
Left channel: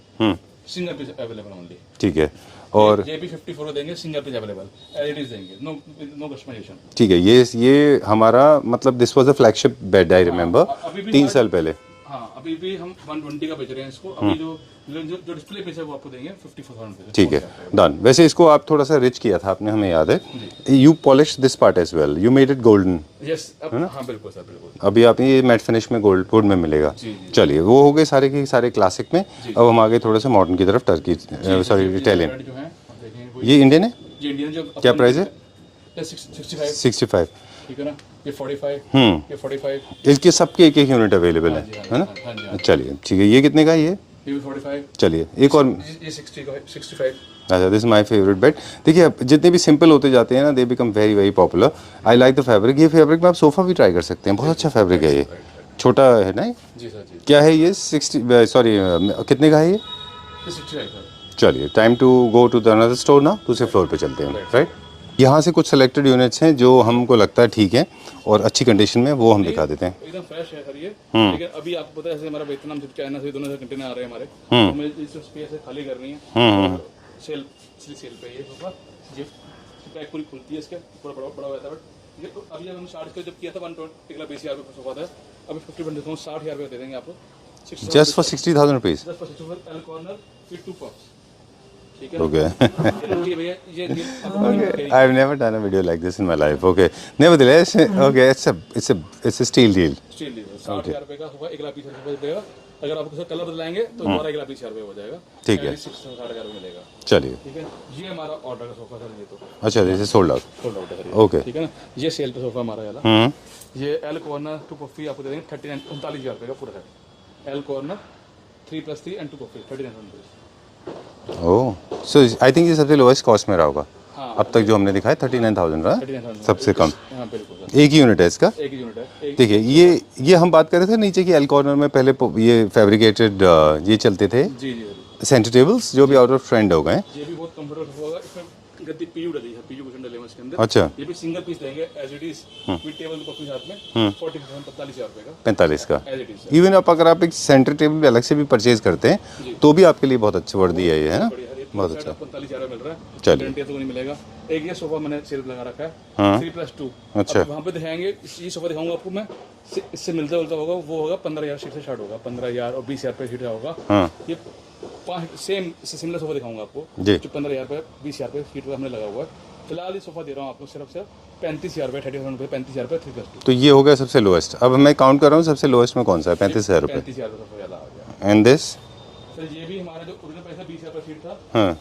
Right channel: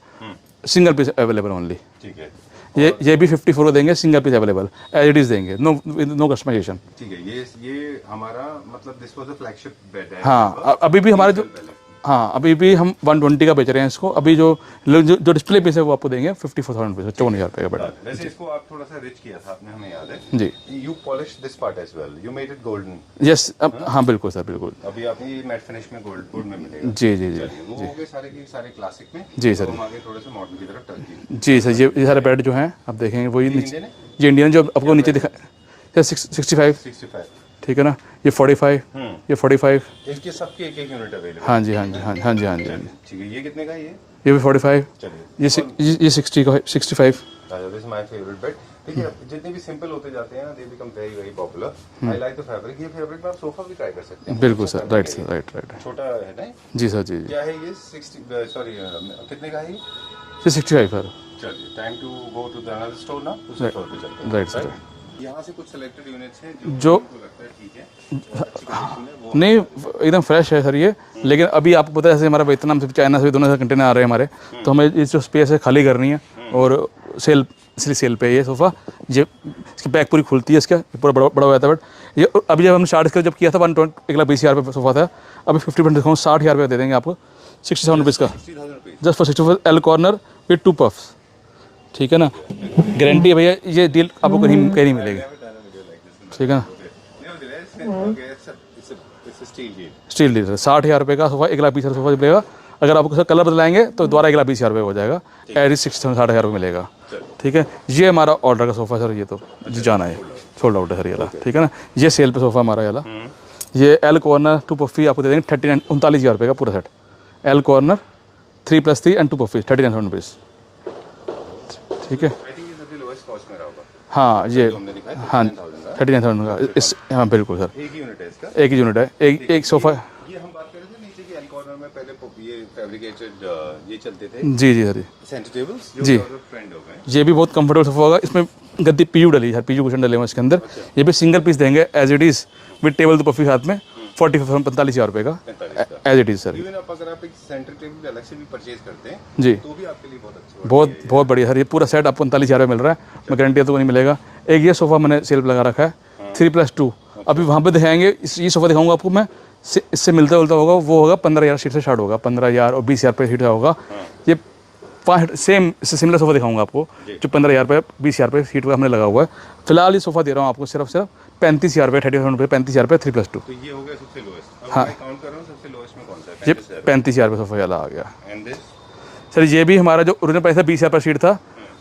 single piece available only. ठीक है। और ये भी 54 को देंगे, single piece available, as it is देंगे, नो कस्टमाइजेशन। ठीक है, ये हमारा मतलब this was a flagship bed, I remember. अभी भी हमारे 3 साल पहले। हाँ, अभी भी हम 120 का बेच रहे हैं इसको। अभी जो डिस्प्ले पीस है वो आपको देंगे 54,000 रुपये, 54,000 रुपये। डन। वैसे इसको आप थोड़ा सा रिच किया था आपने, हमें याद है जी। You polish this part as well, you made it golden. Yes, हाँ बिल्कुल सर, बिल्कुल। अभी आप ये मैट फिनिश में गोल्ड वुड में मिलेगा। जी। चलिए, वो हो गए सारे के सारे क्लासिक में। अब हम आगे थोड़ा सा मॉडर्न की तरफ, टर्की। जी सर, ये सारे बेड जो हैं आप देखेंगे वो ये इंडियन है। ये इंडियन जो आपको नीचे दिखा 65। ठीक है ना। ये 45, ये 45। इसके सबके एक यूनिट अवेलेबल है। हाँ जी। चलिए, ठीक है। ये कितने का है? ये भी 45। चलिए, ये 60 का 65। अच्छा, this is my favourite bed. देखिए, जितने भी सिंपल होते जाते हैं ना, they become very very popular. I like the fabric. ये फैब्रिक में आप सोफा भी ट्राई कर सकते हैं, बहुत अच्छा फैब्रिक है ये। राइट। छोटा है ना? जी सर, जी। क्या है ये? 60, सॉरी, कितने का है ये? 65 सर। चलिए, time to go to the another store ना, दूसरे फ्लोर पे चलते हैं। राइट। यहाँ से कुछ सेलेक्टेड यूनिट्स हैं जो हमको लगता है ठीक है और अच्छी कंडीशन में, वो हम दिखा देते हैं। एकदम फ्रेश है सर ये। लेकिन अभी आपको पता है जैसे हमारा वियतनाम से, चाइना से दोनों से कंटेनर आ रहे हैं हमारे, तो हमें इस जो स्पेस है खाली करनी है। और इसलिए सेल पे ये सोफ़ा, ये इसकी बैक पूरी खुलती है, इसका पूरा बड़ा हो जाता है। बट ये अभी जब हमने स्टार्ट जब किया था 1,20,000 रुपये सोफ़ा था, अभी 50% डिस्काउंट 60,000 रुपये दे देंगे आपको। 60,000 rupees just for 60 L corner with 2 puffs. ठीक है ना। गारंटी है भैया, ये डील आपको कहीं नहीं। I have never done a video like this in my life. Okay, nevertheless, okay, it's a steal deal. 60,000 रुपये का सोफा, 1,20,000 सोफा मिलेगा। अगर आप उसका कलर बदलाएंगे तो दोबारा 1,20,000 रुपये हो जाएगा। एट 60,000 रुपये मिलेगा। चलिए, ठीक है। ये हमारा ऑर्डर का सोफा सर, ये तो अच्छा, सोल्ड आउट है सर। ठीक है ना। ये सेल पे सोफा हमारा वाला, ये एल कॉर्नर 2 पफी आपको दे देंगे 39,000 रुपये का पूरा set. L corner 3+3 and 2 puffy 39,000 rupees. Oh, so I think ये सबसे लोएस्ट कॉस्ट में रहा होगा। हाँ, अब तक जो हमने दिखाया 39,000 का, 39,000 सबसे कम। हाँ बिल्कुल सर। एक ही यूनिट है इसका? एक ही यूनिट है। एक सोफा। ये हम बात कर रहे थे नीचे की एल कॉर्नर में, पहले ये फैब्रिकेटेड ये चलते थे। जी सर। सेंटर टेबल्स जो भी आउट ऑफ ट्रेंड हो गए। ये भी बहुत कंफर्टेबल सोफा होगा। इसमें गद्दी पीयू डली है, पीयू कुशन डले हुए इसके अंदर। अच्छा। ये भी सिंगल पीस देंगे as it is with table तो पफी साथ में 45,000 रुपये का। 45 का as it is sir. Even अगर आप एक सेंटर टेबल अलग से भी परचेज करते हैं जी, तो भी आपके लिए बहुत अच्छा वर्ड दिया है। बहुत बढ़िया सर। ये पूरा सेट आपको 45,000 रुपये मिल रहा है, गारंटी तो नहीं मिलेगा। एक ये सोफा मैंने सेल लगा रखा है 3+2। अभी वहाँ पे दिखाएंगे, ये सोफा दिखाऊंगा आपको मैं, इससे मिलता जुलता होगा, वो होगा 15,000 सीट से स्टार्ट होगा, 15,000 और 20,000 रुपये सीट का होगा। ये 5 सेम सिमिलर सोफा दिखाऊंगा आपको जो 15,000 रुपये 20,000 रुपये सीट का हमने लगा हुआ है। फिलहाल ये सोफा दे रहा हूँ आपको सिर्फ 35,000 रुपये, 30,000 रुपये, 35,000 रुपये 3+2। तो ये हो गया सबसे लोएस्ट। अब मैं काउंट कर रहा हूँ सबसे लोएस्ट में कौन सा है? 35,000 रुपये सोफा वाला आ गया। एंड दिस सर, ये भी हमारा जो ओरिजिनल प्राइस था 20,000 पर सीट था,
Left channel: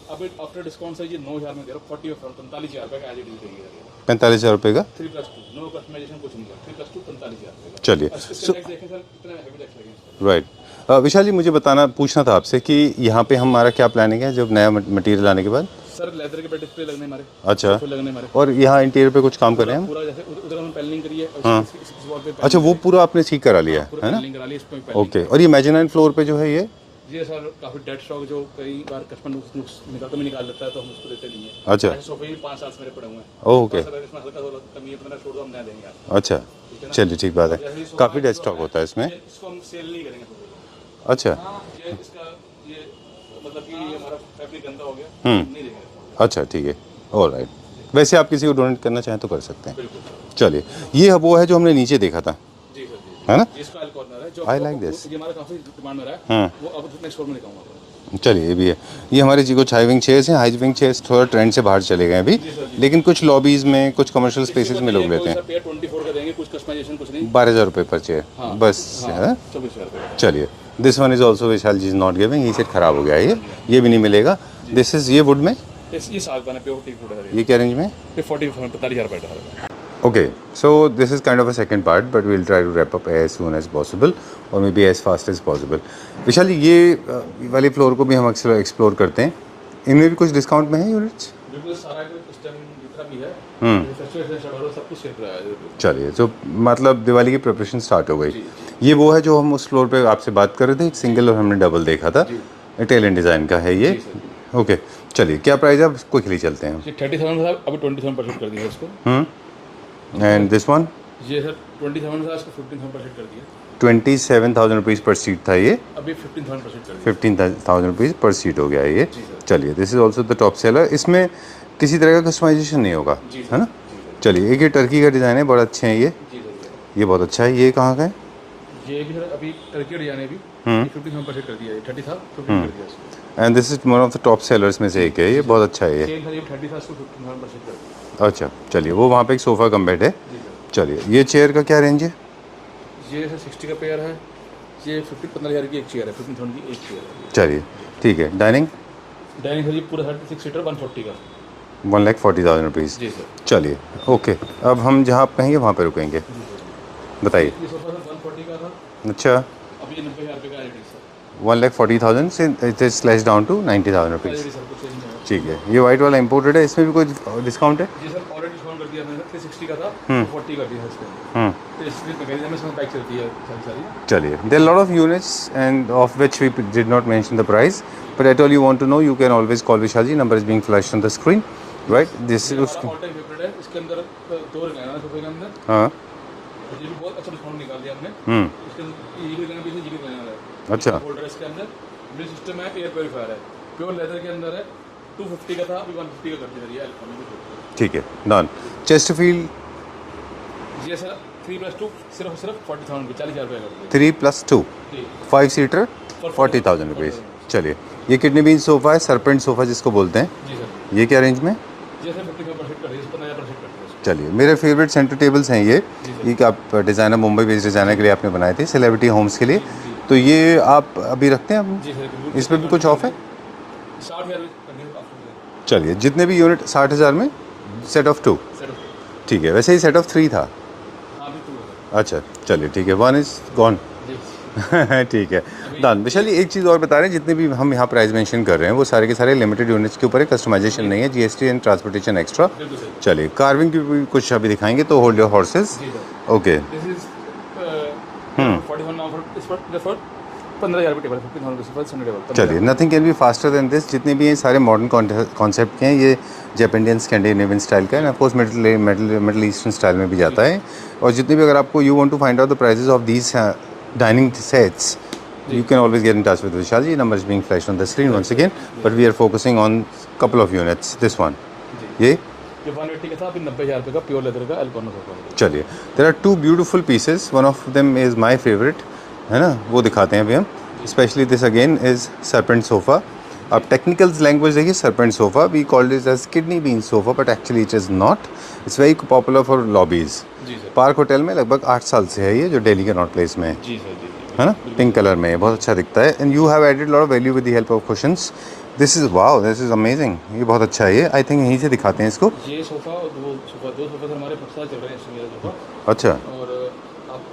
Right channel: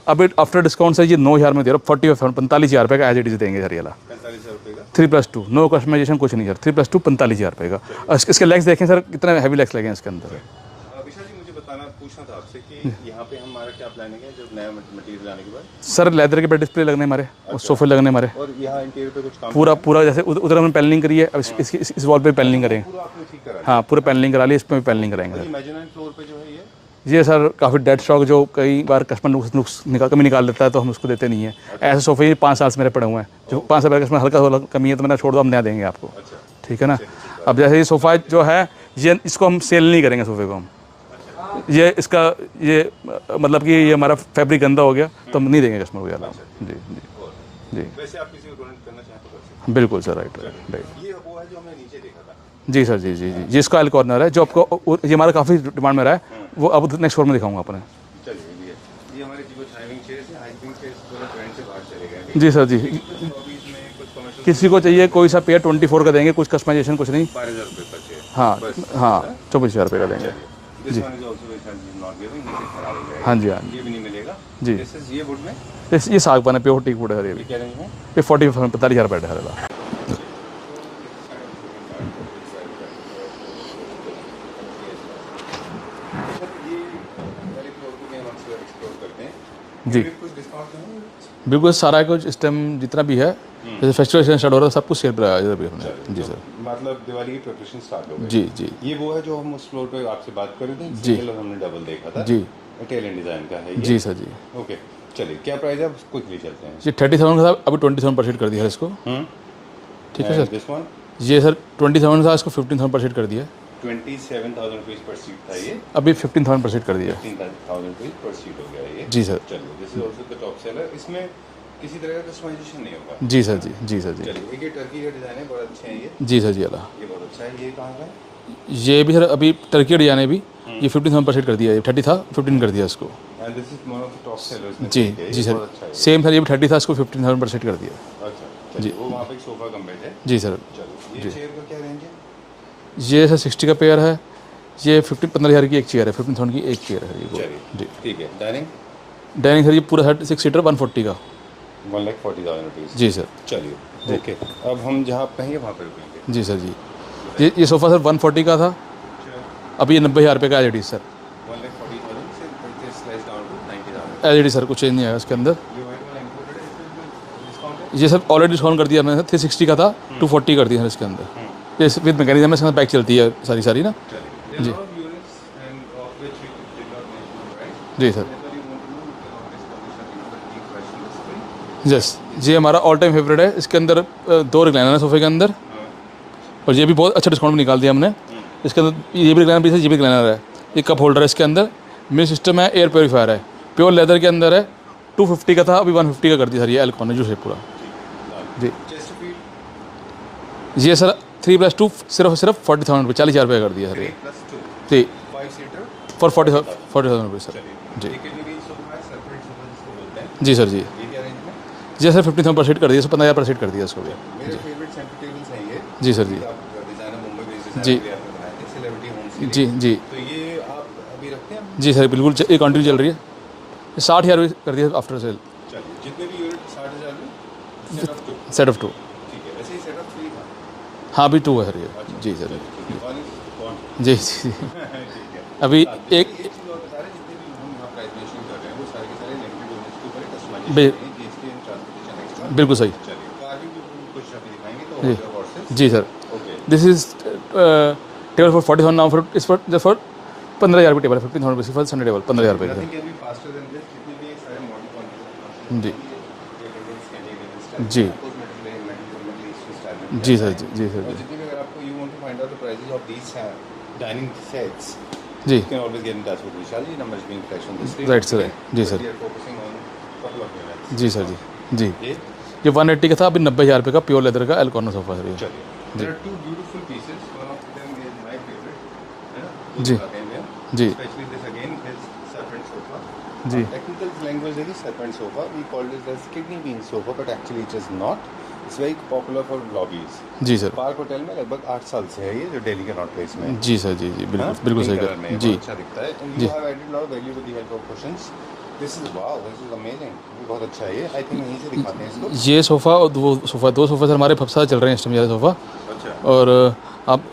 अब आफ्टर डिस्काउंट सर ये 9,000 में दे रहा हूँ। 45,000 रुपये का एज इट इज देंगे सर। ये 45,000 रुपये का 3+2, नो कस्टमाइजेशन कुछ नहीं सर। 3+2 45,000 रुपये का। चलिए, इसके लेग्स देखें सर, कितने हैवी लेग्स लगे हैं इसके अंदर। राइट। विशाल जी, मुझे पूछना था आपसे कि यहाँ पे हमारा क्या प्लानिंग है जब नया मटेरियल आने के बाद? सर, लेदर के बेड डिस्प्ले लगने हमारे, सोफे लगने हमारे, और यहाँ इंटीरियर पे कुछ काम पूरा जैसे उधर हमने पैनलिंग करी है, इस वॉल पे पैनलिंग। अच्छा, वो पूरा आपने ठीक करा लिया? पूरा पैनलिंग करा लिया, इस पे पैनलिंग करेंगे। और ये मेजरमेंट फ्लोर पे जो है ये ये सर काफ़ी डेड स्टॉक जो कई बार कस्टमर कमी निकाल लेता है तो हम उसको देते नहीं है। अच्छा। ऐसे सोफे 5 साल से मेरे पड़े हुए हैं, तो 5 साल कस्टमर हल्का कमी है तो मैंने छोड़ दो, हम नया देंगे आपको। अच्छा, ठीक है ना। चलिए ठीक बात अब है। जैसे ये सोफ़ा काफी जो डेस्क है होता है इसमें। ये इसको हम सेल नहीं करेंगे सोफे को हम। अच्छा ये इसका ये मतलब कि ये हमारा फैब्रिक गंदा हो गया तो हम नहीं देंगे कस्टमर को यार। अच्छा ठीक है, ऑलराइट। वैसे आप किसी को डोनेट करना चाहें तो कर सकते हैं। बिल्कुल सर, राइट। चलिए, ये वो है जो हमने नीचे देखा था। जी सर, जी जिसका एल कॉर्नर है जो आपको ये हमारा काफ़ी डिमांड में रहा है, वो अब नेक्स्ट फ्लोर में दिखाऊंगा अपने। चलिए, ये भी है। ये हमारे जी को हाई विंग चेयर्स हैं। हाई विंग चेयर्स थोड़ा ट्रेंड से बाहर चले गए अभी। जी सर, जी। लेकिन कुछ लॉबीज में, कुछ कमर्शियल किसी को चाहिए कोई सा पेयर 24 का देंगे, कुछ कस्टमाइजेशन कुछ नहीं। 12,000 रुपये पर चेयर। हाँ बस। हाँ, 24,000 रुपये का देंगे। चलिए, this one is also Vishal ji is not giving. ये सेट खराब हो गया है। हाँ जी, हाँ। ये भी नहीं मिलेगा। दिस इज ये वुड में, ये सागवान है, प्योर टीक वुड है। ये क्या रेंज में? ये 45,000 रुपये है। Okay, so this is kind of a second part, but we'll try to wrap up as soon as possible, or maybe as fast as possible. विशाल जी, ये वाले फ्लोर को भी हम अक्सर एक्सप्लोर करते हैं। इनमें भी कुछ डिस्काउंट में है यूनिट्स? बिल्कुल, सारा कुछ इस टाइम जितना भी है, जैसे फेस्टिवल स्टार्ट हो रहा है, सब कुछ सेल पर आया है। चलिए, तो मतलब दिवाली की प्रिपरेशन स्टार्ट हो गई। जी जी। ये वो है जो हम उस फ्लोर पे आपसे बात कर रहे थे, एक सिंगल और हमने डबल देखा था। जी। इटालियन डिज़ाइन का है ये। जी सर, जी। ओके, चलिए, क्या प्राइस है? आप क्विकली चलते हैं। ये 30,000 का था, अभी 27% कर दिया है इसको। And this one? ये सर 27 था, इसको 15,000% कर दिया है। 27,000 रुपीज़ पर सीट था ये, अभी 15,000% कर दिया। 15,000 रुपीज़ पर सीट हो गया है ये। जी सर। चलिए, this is also the top seller. इसमें किसी तरह का कस्टमाइजेशन नहीं होगा। जी सर, जी सर। चलिए, एक ये टर्की का डिज़ाइन है, बड़ा अच्छे हैं ये। जी सर, जी अला। ये बहुत अच्छा है। ये कहाँ का है? ये भी सर अभी टर्की डिजाइन है भी, ये 15,000% कर दिया है। 30 था, 15 कर दिया इसको। And this is one of the top sellers में से एक है। ये बहुत अच्छा है ये। सेम सर, ये भी 30 था, इसको 15,000% कर दिया। अच्छा, चलिए, वो वहाँ पे एक सोफ़ा कम बेड है। जी सर। चलिए, ये चेयर का क्या रेंज है? ये सर 60 का पेयर है। ये 15,000 की एक चेयर है, 15,000 की एक चेयर है। चलिए, ठीक है। डाइनिंग सर ये पूरा 6 सीटर 140 का, 1,40,000 रुपीज़। जी सर। चलिए, ओके। अब हम जहाँ आप कहेंगे वहाँ पे रुकेंगे। जी सर, जी। बताइए। ये सोफ़ा सर 140 का था, अच्छा। अभी ये 90,000 रुपये का एल ई सर। 1,40,000 से it is slash down to 90,000 rupees. एल ई सर कुछ चेंज नहीं है इसके अंदर। ये वाइट वाला इंपोर्टेड है, इसमें भी कोई डिस्काउंट है? ये सर ऑलरेडी डिस्काउंट कर दिया हमने, 360 का था 240 कर दिया सर इसके अंदर। ये विद मैकेनिज्म में बैक चलती है सारी ना। चलिए, there lot of units end of which we did not mention the price, जी but at all you want to know, you can always call Vishal ji. Number is being flashed on the screen. ये हमारा all time favourite है। इसके अंदर 2 recliner है सोफे के अंदर। हाँ, और ये भी बहुत अच्छा डिस्काउंट निकाल दिया हमने। इसके अंदर ये भी रिक्लाइनर पीस है, ये भी रिक्लाइनर है। एक कप होल्डर है इसके अंदर, मिल सिस्टम है, एयर प्योरीफायर है, प्योर लेदर के अंदर है। 250 का था, अभी 150 का कर दिया सर। ये एल कॉर्नर जो है पूरा। ठीक है, डन। चेस्टरफील्ड ये सर 3+2 सिर्फ 40,000 रुपये, 40,000 रुपये कर दिया। 3+2 जी, 5 सीटर फॉर 40,000 40,000 रुपये। चलिए, ये किडनी बीन सोफा है, सरपेंट सोफा जिसको बोलते हैं। जी सर, जी। ये क्या रेंज में? जी सर 15,000% कर दिया, 15,000% कर दिया इसको। चलिए, मेरे फेवरेट सेंटर टेबल्स हैं ये। जी सर, ठीक है, आप डिज़ाइनर मुंबई बेस्ड डिज़ाइनर के लिए आपने बनाए थे, सेलिब्रिटी होम्स के लिए। जी जी। तो ये आप अभी रखते हैं? जी सर, बिल्कुल इसमें क्वांटिटी कुछ चल ऑफर? रही है। 60,000 कर दिया आफ्टर सेल। चलिए, जितने भी यूनिट 60,000 में सेट ऑफ 2। Set of 2। ठीक है, वैसे ही सेट ऑफ 3 था। हाँ, अभी 2 है सर ये। अच्छा जी सर। चलिए, ठीक है, 1 इज गॉन। जी जी। ठीक है, अभी चलिए, एक चीज़ और बता रहे हैं, जितने भी हम यहाँ प्राइस मेंशन कर रहे हैं वो सारे के सारे लिमिटेड यूनिट्स के ऊपर है, कस्टमाइजेशन नहीं है, जीएसटी एंड ट्रांसपोर्टेशन एक्स्ट्रा। बिल्कुल सही। चलिए, कार्विंग की भी कुछ अभी दिखाएंगे, तो होल्ड योर हॉर्सेस। जी sir. Okay, this is table for 40,000 now for इस फॉर 15,000 की टेबल है, 15,000 रुपये फॉर संडे टेबल 15,000। चलिए, nothing can be faster than this. जितने भी ये सारे मॉडर्न कॉन्सेप्ट के हैं, ये जापानियन स्कैंडिनेवियन स्टाइल का है, of course middle eastern style में भी जाता है। और जितने भी, अगर आपको you want to find out the prices of these dining sets, you can always get in touch with Vishal ji. Number is being flashed on the screen once again, but we are focusing on couple of units. This one, जी, ये 180 का था, अभी 90,000 रुपये का pure leather का L corner sofa है। चलिए, there are two beautiful pieces. One of them is my favorite, है ना, वो दिखाते हैं अभी हम। Especially this again is serpent sofa. अब टेक्निकल लैंग्वेज देखिए, serpent sofa we called it as kidney bean sofa, but actually it is not. It's very popular for lobbies. जी सर। पार्क होटल में लगभग 8 साल से है ये, जो दिल्ली के नॉर्थ प्लेस में है। जी सर, जी जी, है ना, बिल्कुल पिंक सही। कलर में बहुत अच्छा दिखता है। And you have added lot of value with the help of cushions. This is wow, this is amazing. ये बहुत अच्छा है ये। आई थिंक यहीं से दिखाते हैं इसको। ये सोफ़ा और दो सोफ़ा सर हमारे सबसे चल रहे हैं इस टाइम, ज़्यादा सोफ़ा। अच्छा, और आप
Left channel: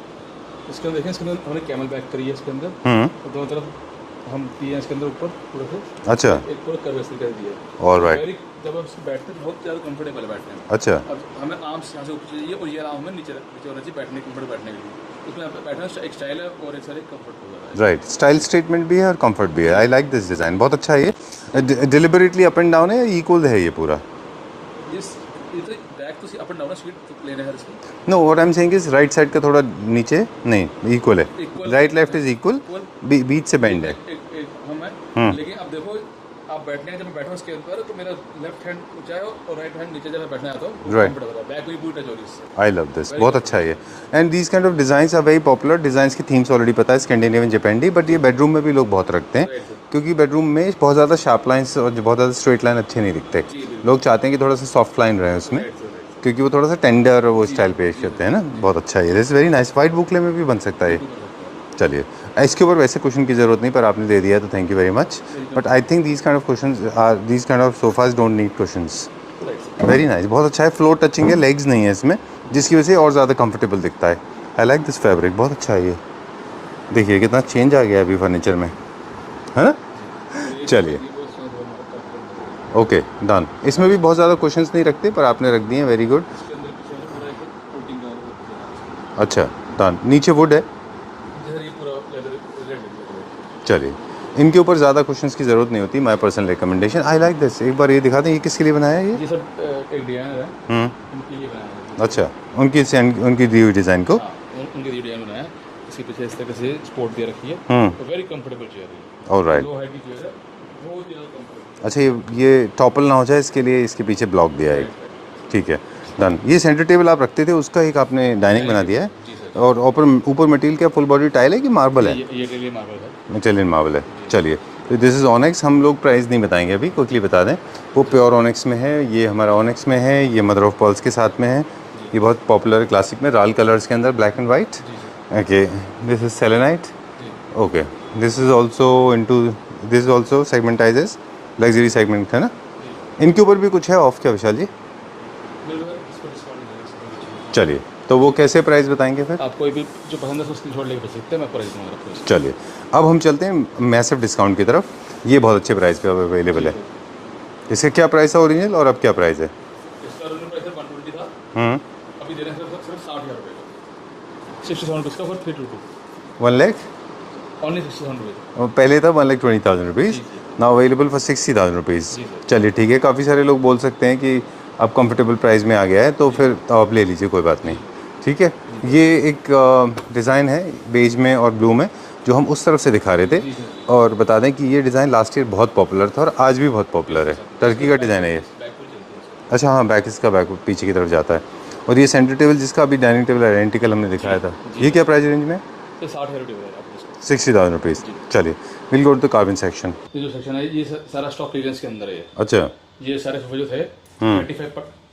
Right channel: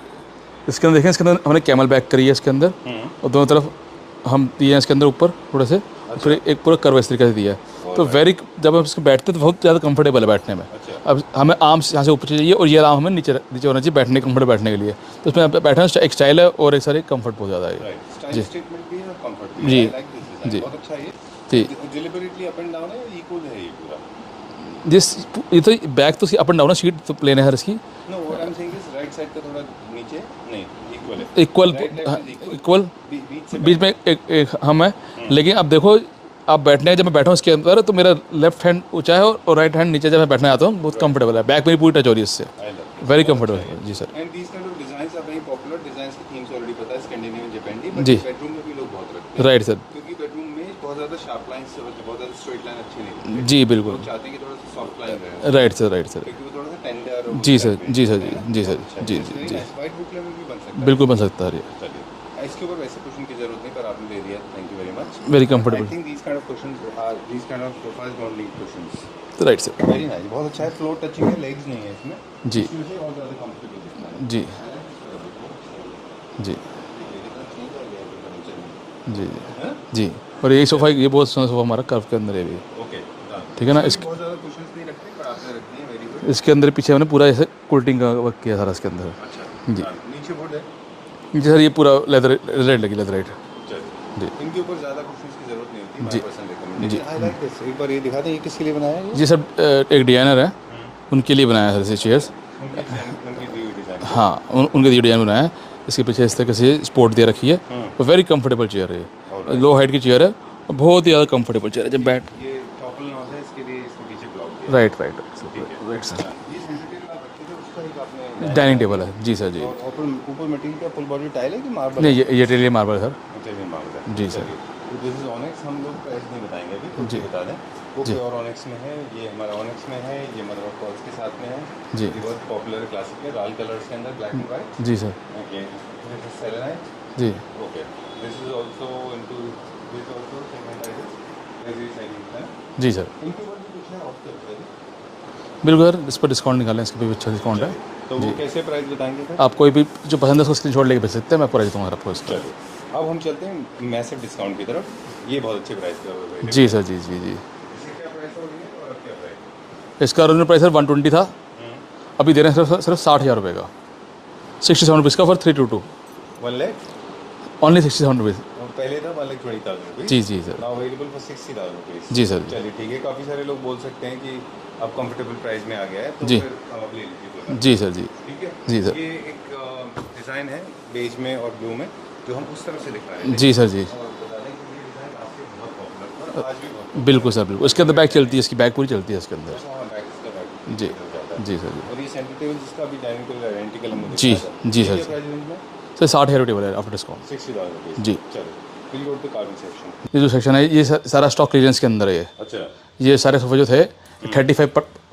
इसके अंदर देखें, इसके अंदर हमने कैमल बैक करी है इसके अंदर, और दोनों तरफ हम दिए हैं इसके अंदर ऊपर थोड़े से। अच्छा। एक पूरा कर्व इस तरीके से दिया है, तो वेरी जब हम इसको बैठते हैं तो बहुत ज़्यादा कंफर्टेबल है बैठने में। अच्छा। अब हमें आर्म यहाँ से ऊपर चाहिए और ये आर्म हमें नीचे नीचे होना चाहिए बैठने कंफर्टेबल बैठने के लिए, तो उसमें बैठना एक स्टाइल है और एक सारी कंफर्ट बहुत ज़्यादा है। राइट, स्टाइल स्टेटमेंट भी है और कंफर्ट भी है। आई लाइक दिस डिज़ाइन, बहुत अच्छा है ये। डिलिबरेटली अप एंड डाउन है, इक्वल है ये पूरा? ये तो बैक तो अप एंड डाउन है, सीट तो प्लेन है हर इसकी। No, what I am saying is right side का थोड़ा नीचे नहीं, इक्वल है। Equal, right left is equal, बीच से बीच में एक हम है। लेकिन अब देखो आप बैठने जब मैं बैठा हूँ इसके अंदर तो मेरा लेफ्ट हैंड ऊंचा है और राइट हैंड नीचे जब मैं बैठने आता हूँ बहुत कंफर्टेबल है, बैक में पूरी टच हो रही है इससे। आई लव दिस, Very बहुत comfortable, अच्छा है जी ये। Sir. And these kind of designs are very popular. Designs की थीम्स ऑलरेडी पता है, स्कैंडिनेवियन, जापानी, बट ये बेडरूम में भी लोग बहुत रखते हैं। Right sir. क्योंकि बेडरूम में बहुत ज़्यादा शार्प लाइंस और बहुत ज़्यादा स्ट्रेट लाइन अच्छे नहीं दिखते। जी बिल्कुल, लोग चाहते हैं कि थोड़ा सा सॉफ्ट लाइन रहे उसकी। राइट सर, राइट सर, क्योंकि वो थोड़ा सा टेंडर वो जी स्टाइल सर, पे जी करते सर, हैं ना। जी बहुत सर, अच्छा है, दिस वेरी नाइस। वाइट बुकले में भी बन सकता है, बिल्कुल बन सकता है। चलिए। इसके ऊपर वैसे क्वेश्चन की जरूरत नहीं, पर आपने दे दिया तो thank you very much. Very but I comfortable, think these kind of questions are, these kind of sofas don't need questions. Right sir. Very nice, बहुत अच्छा है। फ्लोर टचिंग है, लेग्स नहीं है इसमें, जिसकी वजह से और ज़्यादा कंफर्टेबल दिखता है। जी। आई लाइक दिस फैब्रिक, बहुत अच्छा है ये। जी देखिए कितना चेंज आ गया है अभी फर्नीचर में, जी है ना? जी। और ये सोफा, ये बहुत सुंदर सोफा हमारा कर्व के अंदर है भी। Okay done. ठीक है ना? इसमें भी बहुत ज़्यादा क्वेश्चंस नहीं रखते, पर आपने रख दिए, वेरी गुड। इसके अंदर पीछे हमने पूरा ऐसे कुल्टिंग का वर्क किया सारा इसके अंदर। अच्छा डन। नीचे वुड है, नीचे सर ये पूरा लेदर रेड लगी, लेदर रेड। चलिए। इनके ऊपर ज़्यादा क्वेश्चंस की ज़रूरत नहीं होती, my personal recommendation. I like this. एक बार ये दिखा दें, ये किसके लिए बनाया है ये? जी सर, एक डिजाइनर है, उनके लिए बनाया है सर चेयर्स। अच्छा, उनकी दी हुई डिज़ाइन को। हाँ, उनके लिए डिजाइन बनाया है। इसके पीछे इस तरह से स्पोर्ट दे रखी है, वेरी कंफर्टेबल चेयर है ये। लो हाइट की चेयर है, बहुत ही ज़्यादा कंफर्टेबल चेयर है। अच्छा, ये टॉपल ना हो जाए इसके लिए इसके पीछे ब्लॉक दिया है। राइट राइट, ठीक है डन। ये सेंटर टेबल आप रखते थे, उसका एक आपने डाइनिंग बना दिया है। जी सर जी। और ऊपर मटेरियल क्या फुल बॉडी टाइल है कि मार्बल है? ये इटालियन मार्बल है सर। इटालियन मार्बल है। चलिए, दिस इज ऑनेक्स। हम लोग प्राइस नहीं बताएंगे अभी, क्विकली बता दें। वो प्योर ऑनेक्स में है, ये हमारा ऑनेक्स में है, ये मदर ऑफ पर्ल्स के साथ में है। ये बहुत पॉपुलर क्लासिक में राल कलर्स के अंदर, ब्लैक एंड वाइट। जी sir. Okay, this is selenite. जी okay, this is also into, this is also segmentizes luxury segment, है ना? जी सर। इनके ऊपर भी कुछ है ऑफ क्या विशाल जी? बिल्कुल सर, इस पर डिस्काउंट निकालें, इसके भी अच्छा डिस्काउंट। चलिए, तो वो कैसे प्राइस बताएंगे फिर? आप कोई भी जो पसंद है उसको स्क्रीनशॉट लेके भेज सकते हैं, मैं प्राइस दूंगा आपको। चलिए, अब हम चलते हैं मैसिव डिस्काउंट की तरफ। ये बहुत अच्छे प्राइस पे अवेलेबल जी है। सर, जी जी जी। इसका क्या प्राइस है ओरिजिनल, और अब क्या प्राइस है? इसका ओरिजिनल प्राइस सर 120 था, अभी दे रहे हैं सिर्फ 60,000 रुपये का, 67 रुपीज़ का फॉर 322। 1 lakh only 67 rupees. पहले था 1,20,000 रुपीज़। जी जी sir. Now available for 60,000 rupees. जी सर। चलिए ठीक है, काफ़ी सारे लोग बोल सकते हैं कि अब कंफर्टेबल प्राइस में आ गया है, तो फिर आप ले लीजिए, कोई बात जी नहीं। सर जी। ठीक है। जी सर। ये एक डिज़ाइन है बेज में और ब्लू में, जो हम उस तरफ से दिखा रहे थे। जी सर जी। और बता दें कि ये डिज़ाइन लास्ट ईयर बहुत पॉपुलर था और आज भी बहुत पॉपुलर है। बिल्कुल सर, बिल्कुल। इसके अंदर बैक चलती है, इसकी बैक पूरी चलती है इसके अंदर। अच्छा हाँ, बैक इसका बैक पीछे की तरफ जाता है। जी सर। और ये सेंटर टेबल जिसका अभी डाइनिंग टेबल आइडेंटिकल हमने दिखाया था, जी ये सर। क्या प्राइस रेंज में? सर 60,000 टेबल है आफ्टर डिस्काउंट। 60,000 रुपीज़। जी। चलिए, will go to the carbon section. ये जो सेक्शन है ये सारा स्टॉक क्लियरेंस के अंदर है ये। अच्छा। ये सारे सोफे जो थे 35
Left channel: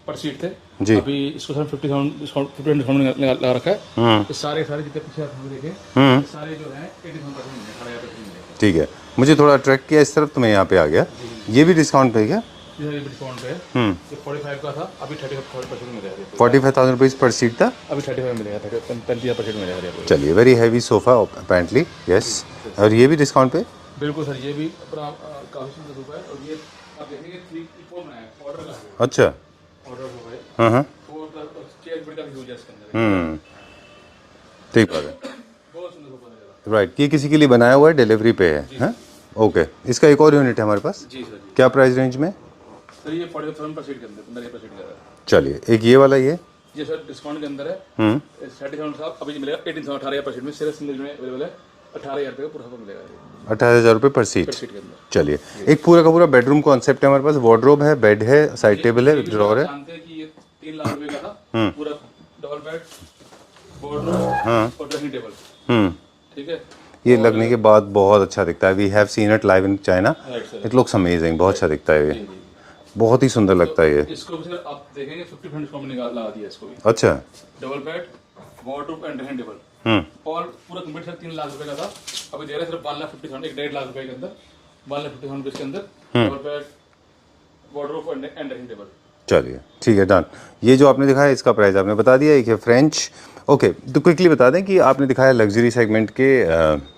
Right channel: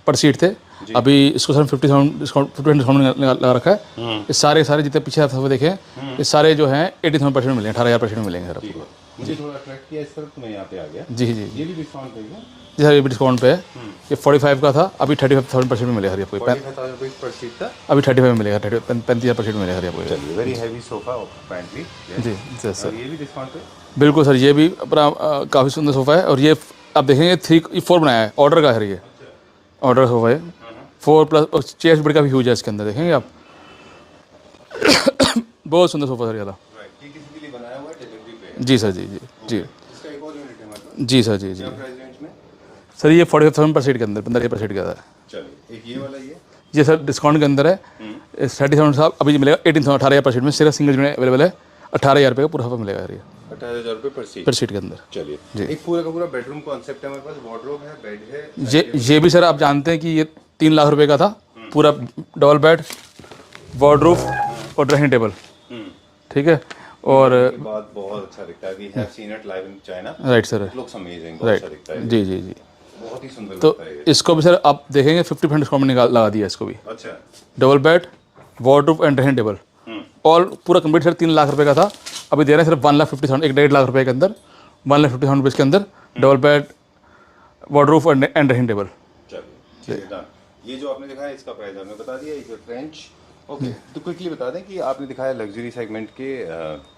पर सीट थे, अभी इसको सर 50% डिस्काउंट लगा रखा है। ये सारे जितने पीछे आप सोफे देखे ये सारे जो हैं 80% में मिलेंगे, 18,000% में मिलेंगे सर। ठीक है, मुझे थोड़ा अट्रैक्ट किया इस तरफ, तो मैं यहाँ पे आ गया। जी जी। ये भी डिस्काउंट पे है क्या? जी सर, ये भी डिस्काउंट पे है। ये 45 का था, अभी 35,000% में मिलेगा सर ये। 45,000 रुपीज़ पर सीट था, अभी 35 में मिलेगा, 35,000% मिलेगा सर ये। चलिए, very heavy sofa apparently, yes. और ये भी डिस्काउंट पे? बिल्कुल सर, ये भी अपना काफ़ी सुंदर सोफा है। और ये आप देखेंगे 4 बनाया है, ऑर्डर का है ये, अच्छा। ऑर्डर सोफा है 4+, और चेयर्स बड़ी काफ़ी ह्यूज है इसके अंदर, देखेंगे आप। ठीक है। बहुत सुंदर सोफा सर ज़्यादा। राइट, ये किसी के लिए बनाया हुआ है, डिलीवरी पे है? जी सर जी जी। ओके, इसका एक और यूनिट है हमारे पास। जी सर जी। क्या प्राइस रेंज में? सर ये 45,000 पर सीट के अंदर, 15,000% का है। चलिए, एक ये वाला, ये सर डिस्काउंट के अंदर है। 30,000 साहब अभी मिलेगा 18,000% में, सिर्फ सिंगल में अवेलेबल है। 18,000 रुपये का पूरा सोफा मिलेगा ये 18,000 रुपये पर सीट के अंदर। चलिए, एक पूरा का पूरा बेडरूम कॉन्सेप्ट है हमारे पास। वार्डरोब है, बेड है, साइड टेबल है। ये भी सर आप जानते हैं कि ये 3 लाख रुपए का था, पूरा डबल बेड, वार्डरोब और ड्रेसिंग टेबल। ठीक है। ये लगने के बाद बहुत अच्छा दिखता है। We have seen it live in China. Right sir. It looks amazing, बहुत अच्छा दिखता है। जी जी जी, बहुत ही सुंदर लगता है ये। इसको भी सर आप देखेंगे 50% डिस्काउंट लगा दिया इसको भी। अच्छा। Double bed, wardrobe and dressing table, all पूरा कंप्लीट सर 3 लाख रुपए का था, अभी दे रहे हैं सिर्फ 1,50,000, 1.5 लाख रुपए के अंदर, 1,50,000 रुपये के अंदर double bed, wardrobe and dressing table. चलिए ठीक है, डन। ये जो आपने दिखाया इसका प्राइस आपने बता दिया। एक है फ्रेंच ओके, तो क्विकली बता दें कि आपने दिखाया लग्जरी सेगमेंट के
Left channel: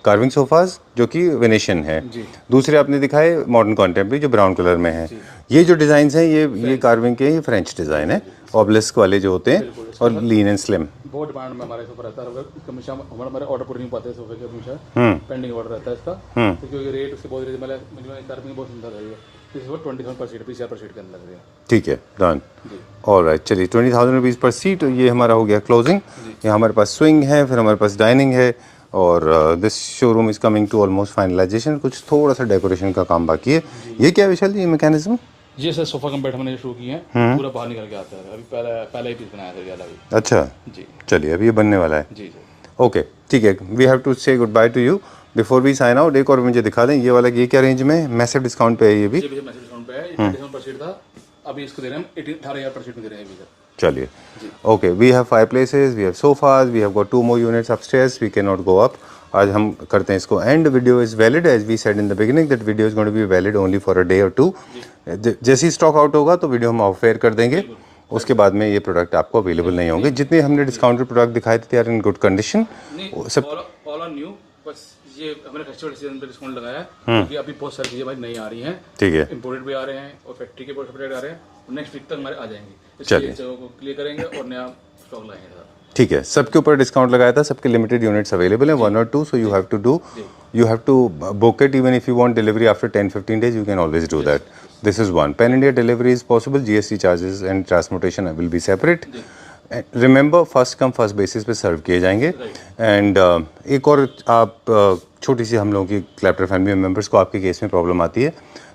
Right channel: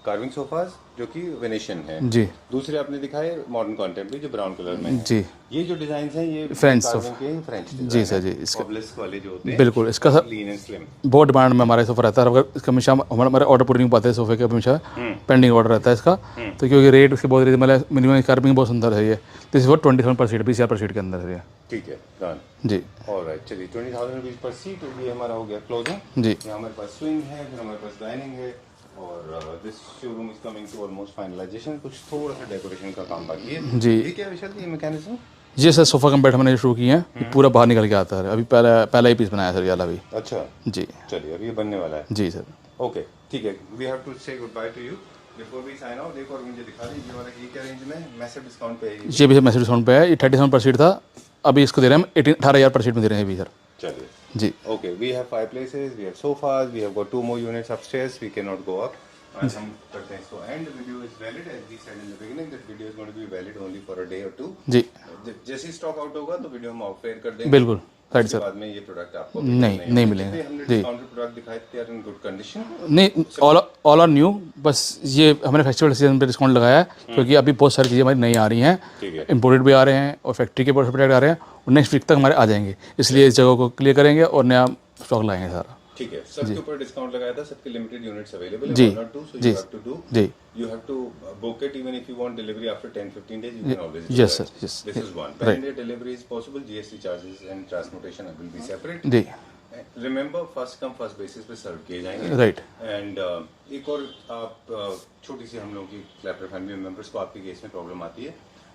कार्विंग सोफाज जो कि वेनेशियन है जी। दूसरे आपने दिखाए मॉडर्न कॉन्टेम्परेरी जो ब्राउन कलर में है जी। ये जो डिजाइन है ये कार्विंग के ये फ्रेंच डिजाइन जी, है ऑब्लिस्क वाले जो होते हैं बिल्कुल, इसका लीन एंड स्लिम बहुत डिमांड में हमारे सोफा रहता है। अगर इसका हमेशा हमारे ऑर्डर पूरी नहीं पाते सोफे के, हमेशा पेंडिंग ऑर्डर रहता है इसका। तो क्योंकि रेट उसके बहुत मतलब मिनिमम कार्विंग बहुत सुंदर है ये। दिस इज 27 पर सीट, 20,000 पर सीट के अंदर है ये। ठीक है, डन जी। ऑलराइट, चलिए 20,000 रुपीज़ पर सीट, ये हमारा हो गया क्लोजिंग। जी। ये हमारे पास स्विंग है, फिर हमारे पास डाइनिंग है और this showroom is coming to almost finalisation. कुछ थोड़ा सा डेकोरेशन का काम बाकी है। जी। ये क्या विशाल, ये मैकेनिज्म? जी सर, सोफा कम बेड हमने शुरू किए हैं, पूरा बाहर निकल के आता है। अभी पहला ही पीस बनाया सर यार अभी। अच्छा जी। चलिए, अभी ये बनने वाला है। जी सर। ओके ठीक है, we have to say goodbye to you before we sign out. एक और मुझे दिखा दें ये वाला, ये क्या रेंज में मैसिव डिस्काउंट पे है ये भी? ये भी मैसेज डिस्काउंट पे है। ये 37 पर सीट था, अभी इसको दे रहे हैं हम 18,000 पर सीट में दे रहे हैं अभी सर। चलिए जी। Okay, we have 5 places, we have sofas, we have got 2 more units upstairs, we cannot go up। आज हम करते हैं इसको end. Video is valid as we said in the beginning that video is going to be valid only for a day और 2। जी। जैसे ही stock out होगा तो video हम ऑफ एयर कर देंगे। बिल्कुल। उसके बाद में ये प्रोडक्ट आपको अवेलेबल नहीं होंगे। जितने हमने डिस्काउंटेड प्रोडक्ट दिखाए थे they are in good condition. नहीं, ऑल आर न्यू। बस ये हमने फेस्टिवल सीजन पे डिस्काउंट लगाया है क्योंकि अभी बहुत सारी चीज़ें हमारी नई आ रही हैं। ठीक है, इंपोर्टेड भी आ रहे हैं और फैक्ट्री के प्रोडक्ट आ रहे हैं, और नेक्स्ट वीक तक हमारे आ जाएंगे, इसलिए इस जगह को क्लियर करेंगे और नया स्टॉक लाएंगे सारा। ठीक है, सबके ऊपर डिस्काउंट लगाया था, सबके लिमिटेड यूनिट्स अवेलेबल है 1 or 2, so you have to do, you have to book it even if you want delivery after 10-15 days, you can always do Yes, that. sir. Yes. This is one. Pan India delivery is possible, GST charges and transportation will be separate. जी। Remember first come first basis पे सर्व किए जाएंगे। Right. And एक और आप छोटी सी हम लोगों की क्लैप्टर फैमिली मेंबर्स को आपके केस में प्रॉब्लम आती है,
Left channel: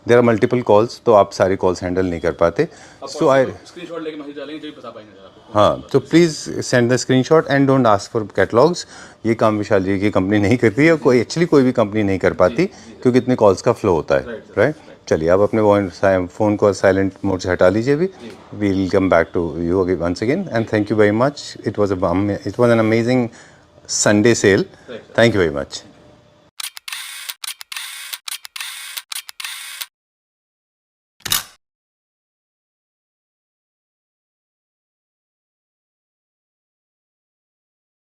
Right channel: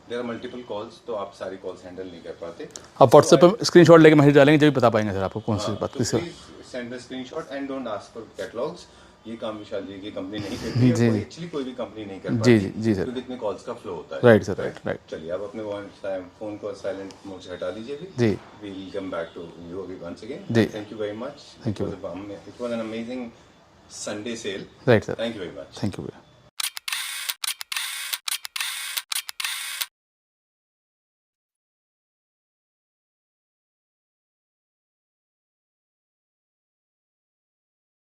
देयर आर मल्टीपल कॉल्स, तो आप सारी कॉल्स हैंडल नहीं कर पाते। आप व्हाट्सएप पे स्क्रीनशॉट लेके मैसेज डालेंगे जब भी बता पाएंगे सर आपको कौन सी हाँ, बात। तो please send the screenshot and don't ask for catalogues. ये काम विशाल जी की कंपनी नहीं करती है, कोई एक्चुअली कोई भी कंपनी नहीं कर पाती क्योंकि इतने कॉल्स का फ्लो होता है। Right sir, right. चलिए आप अपने फ़ोन को साइलेंट मोड से हटा लीजिए भी। जी। We will come back to you once again and thank you very much. It was an amazing Sunday sale. Right sir, thank you very much. Thank you.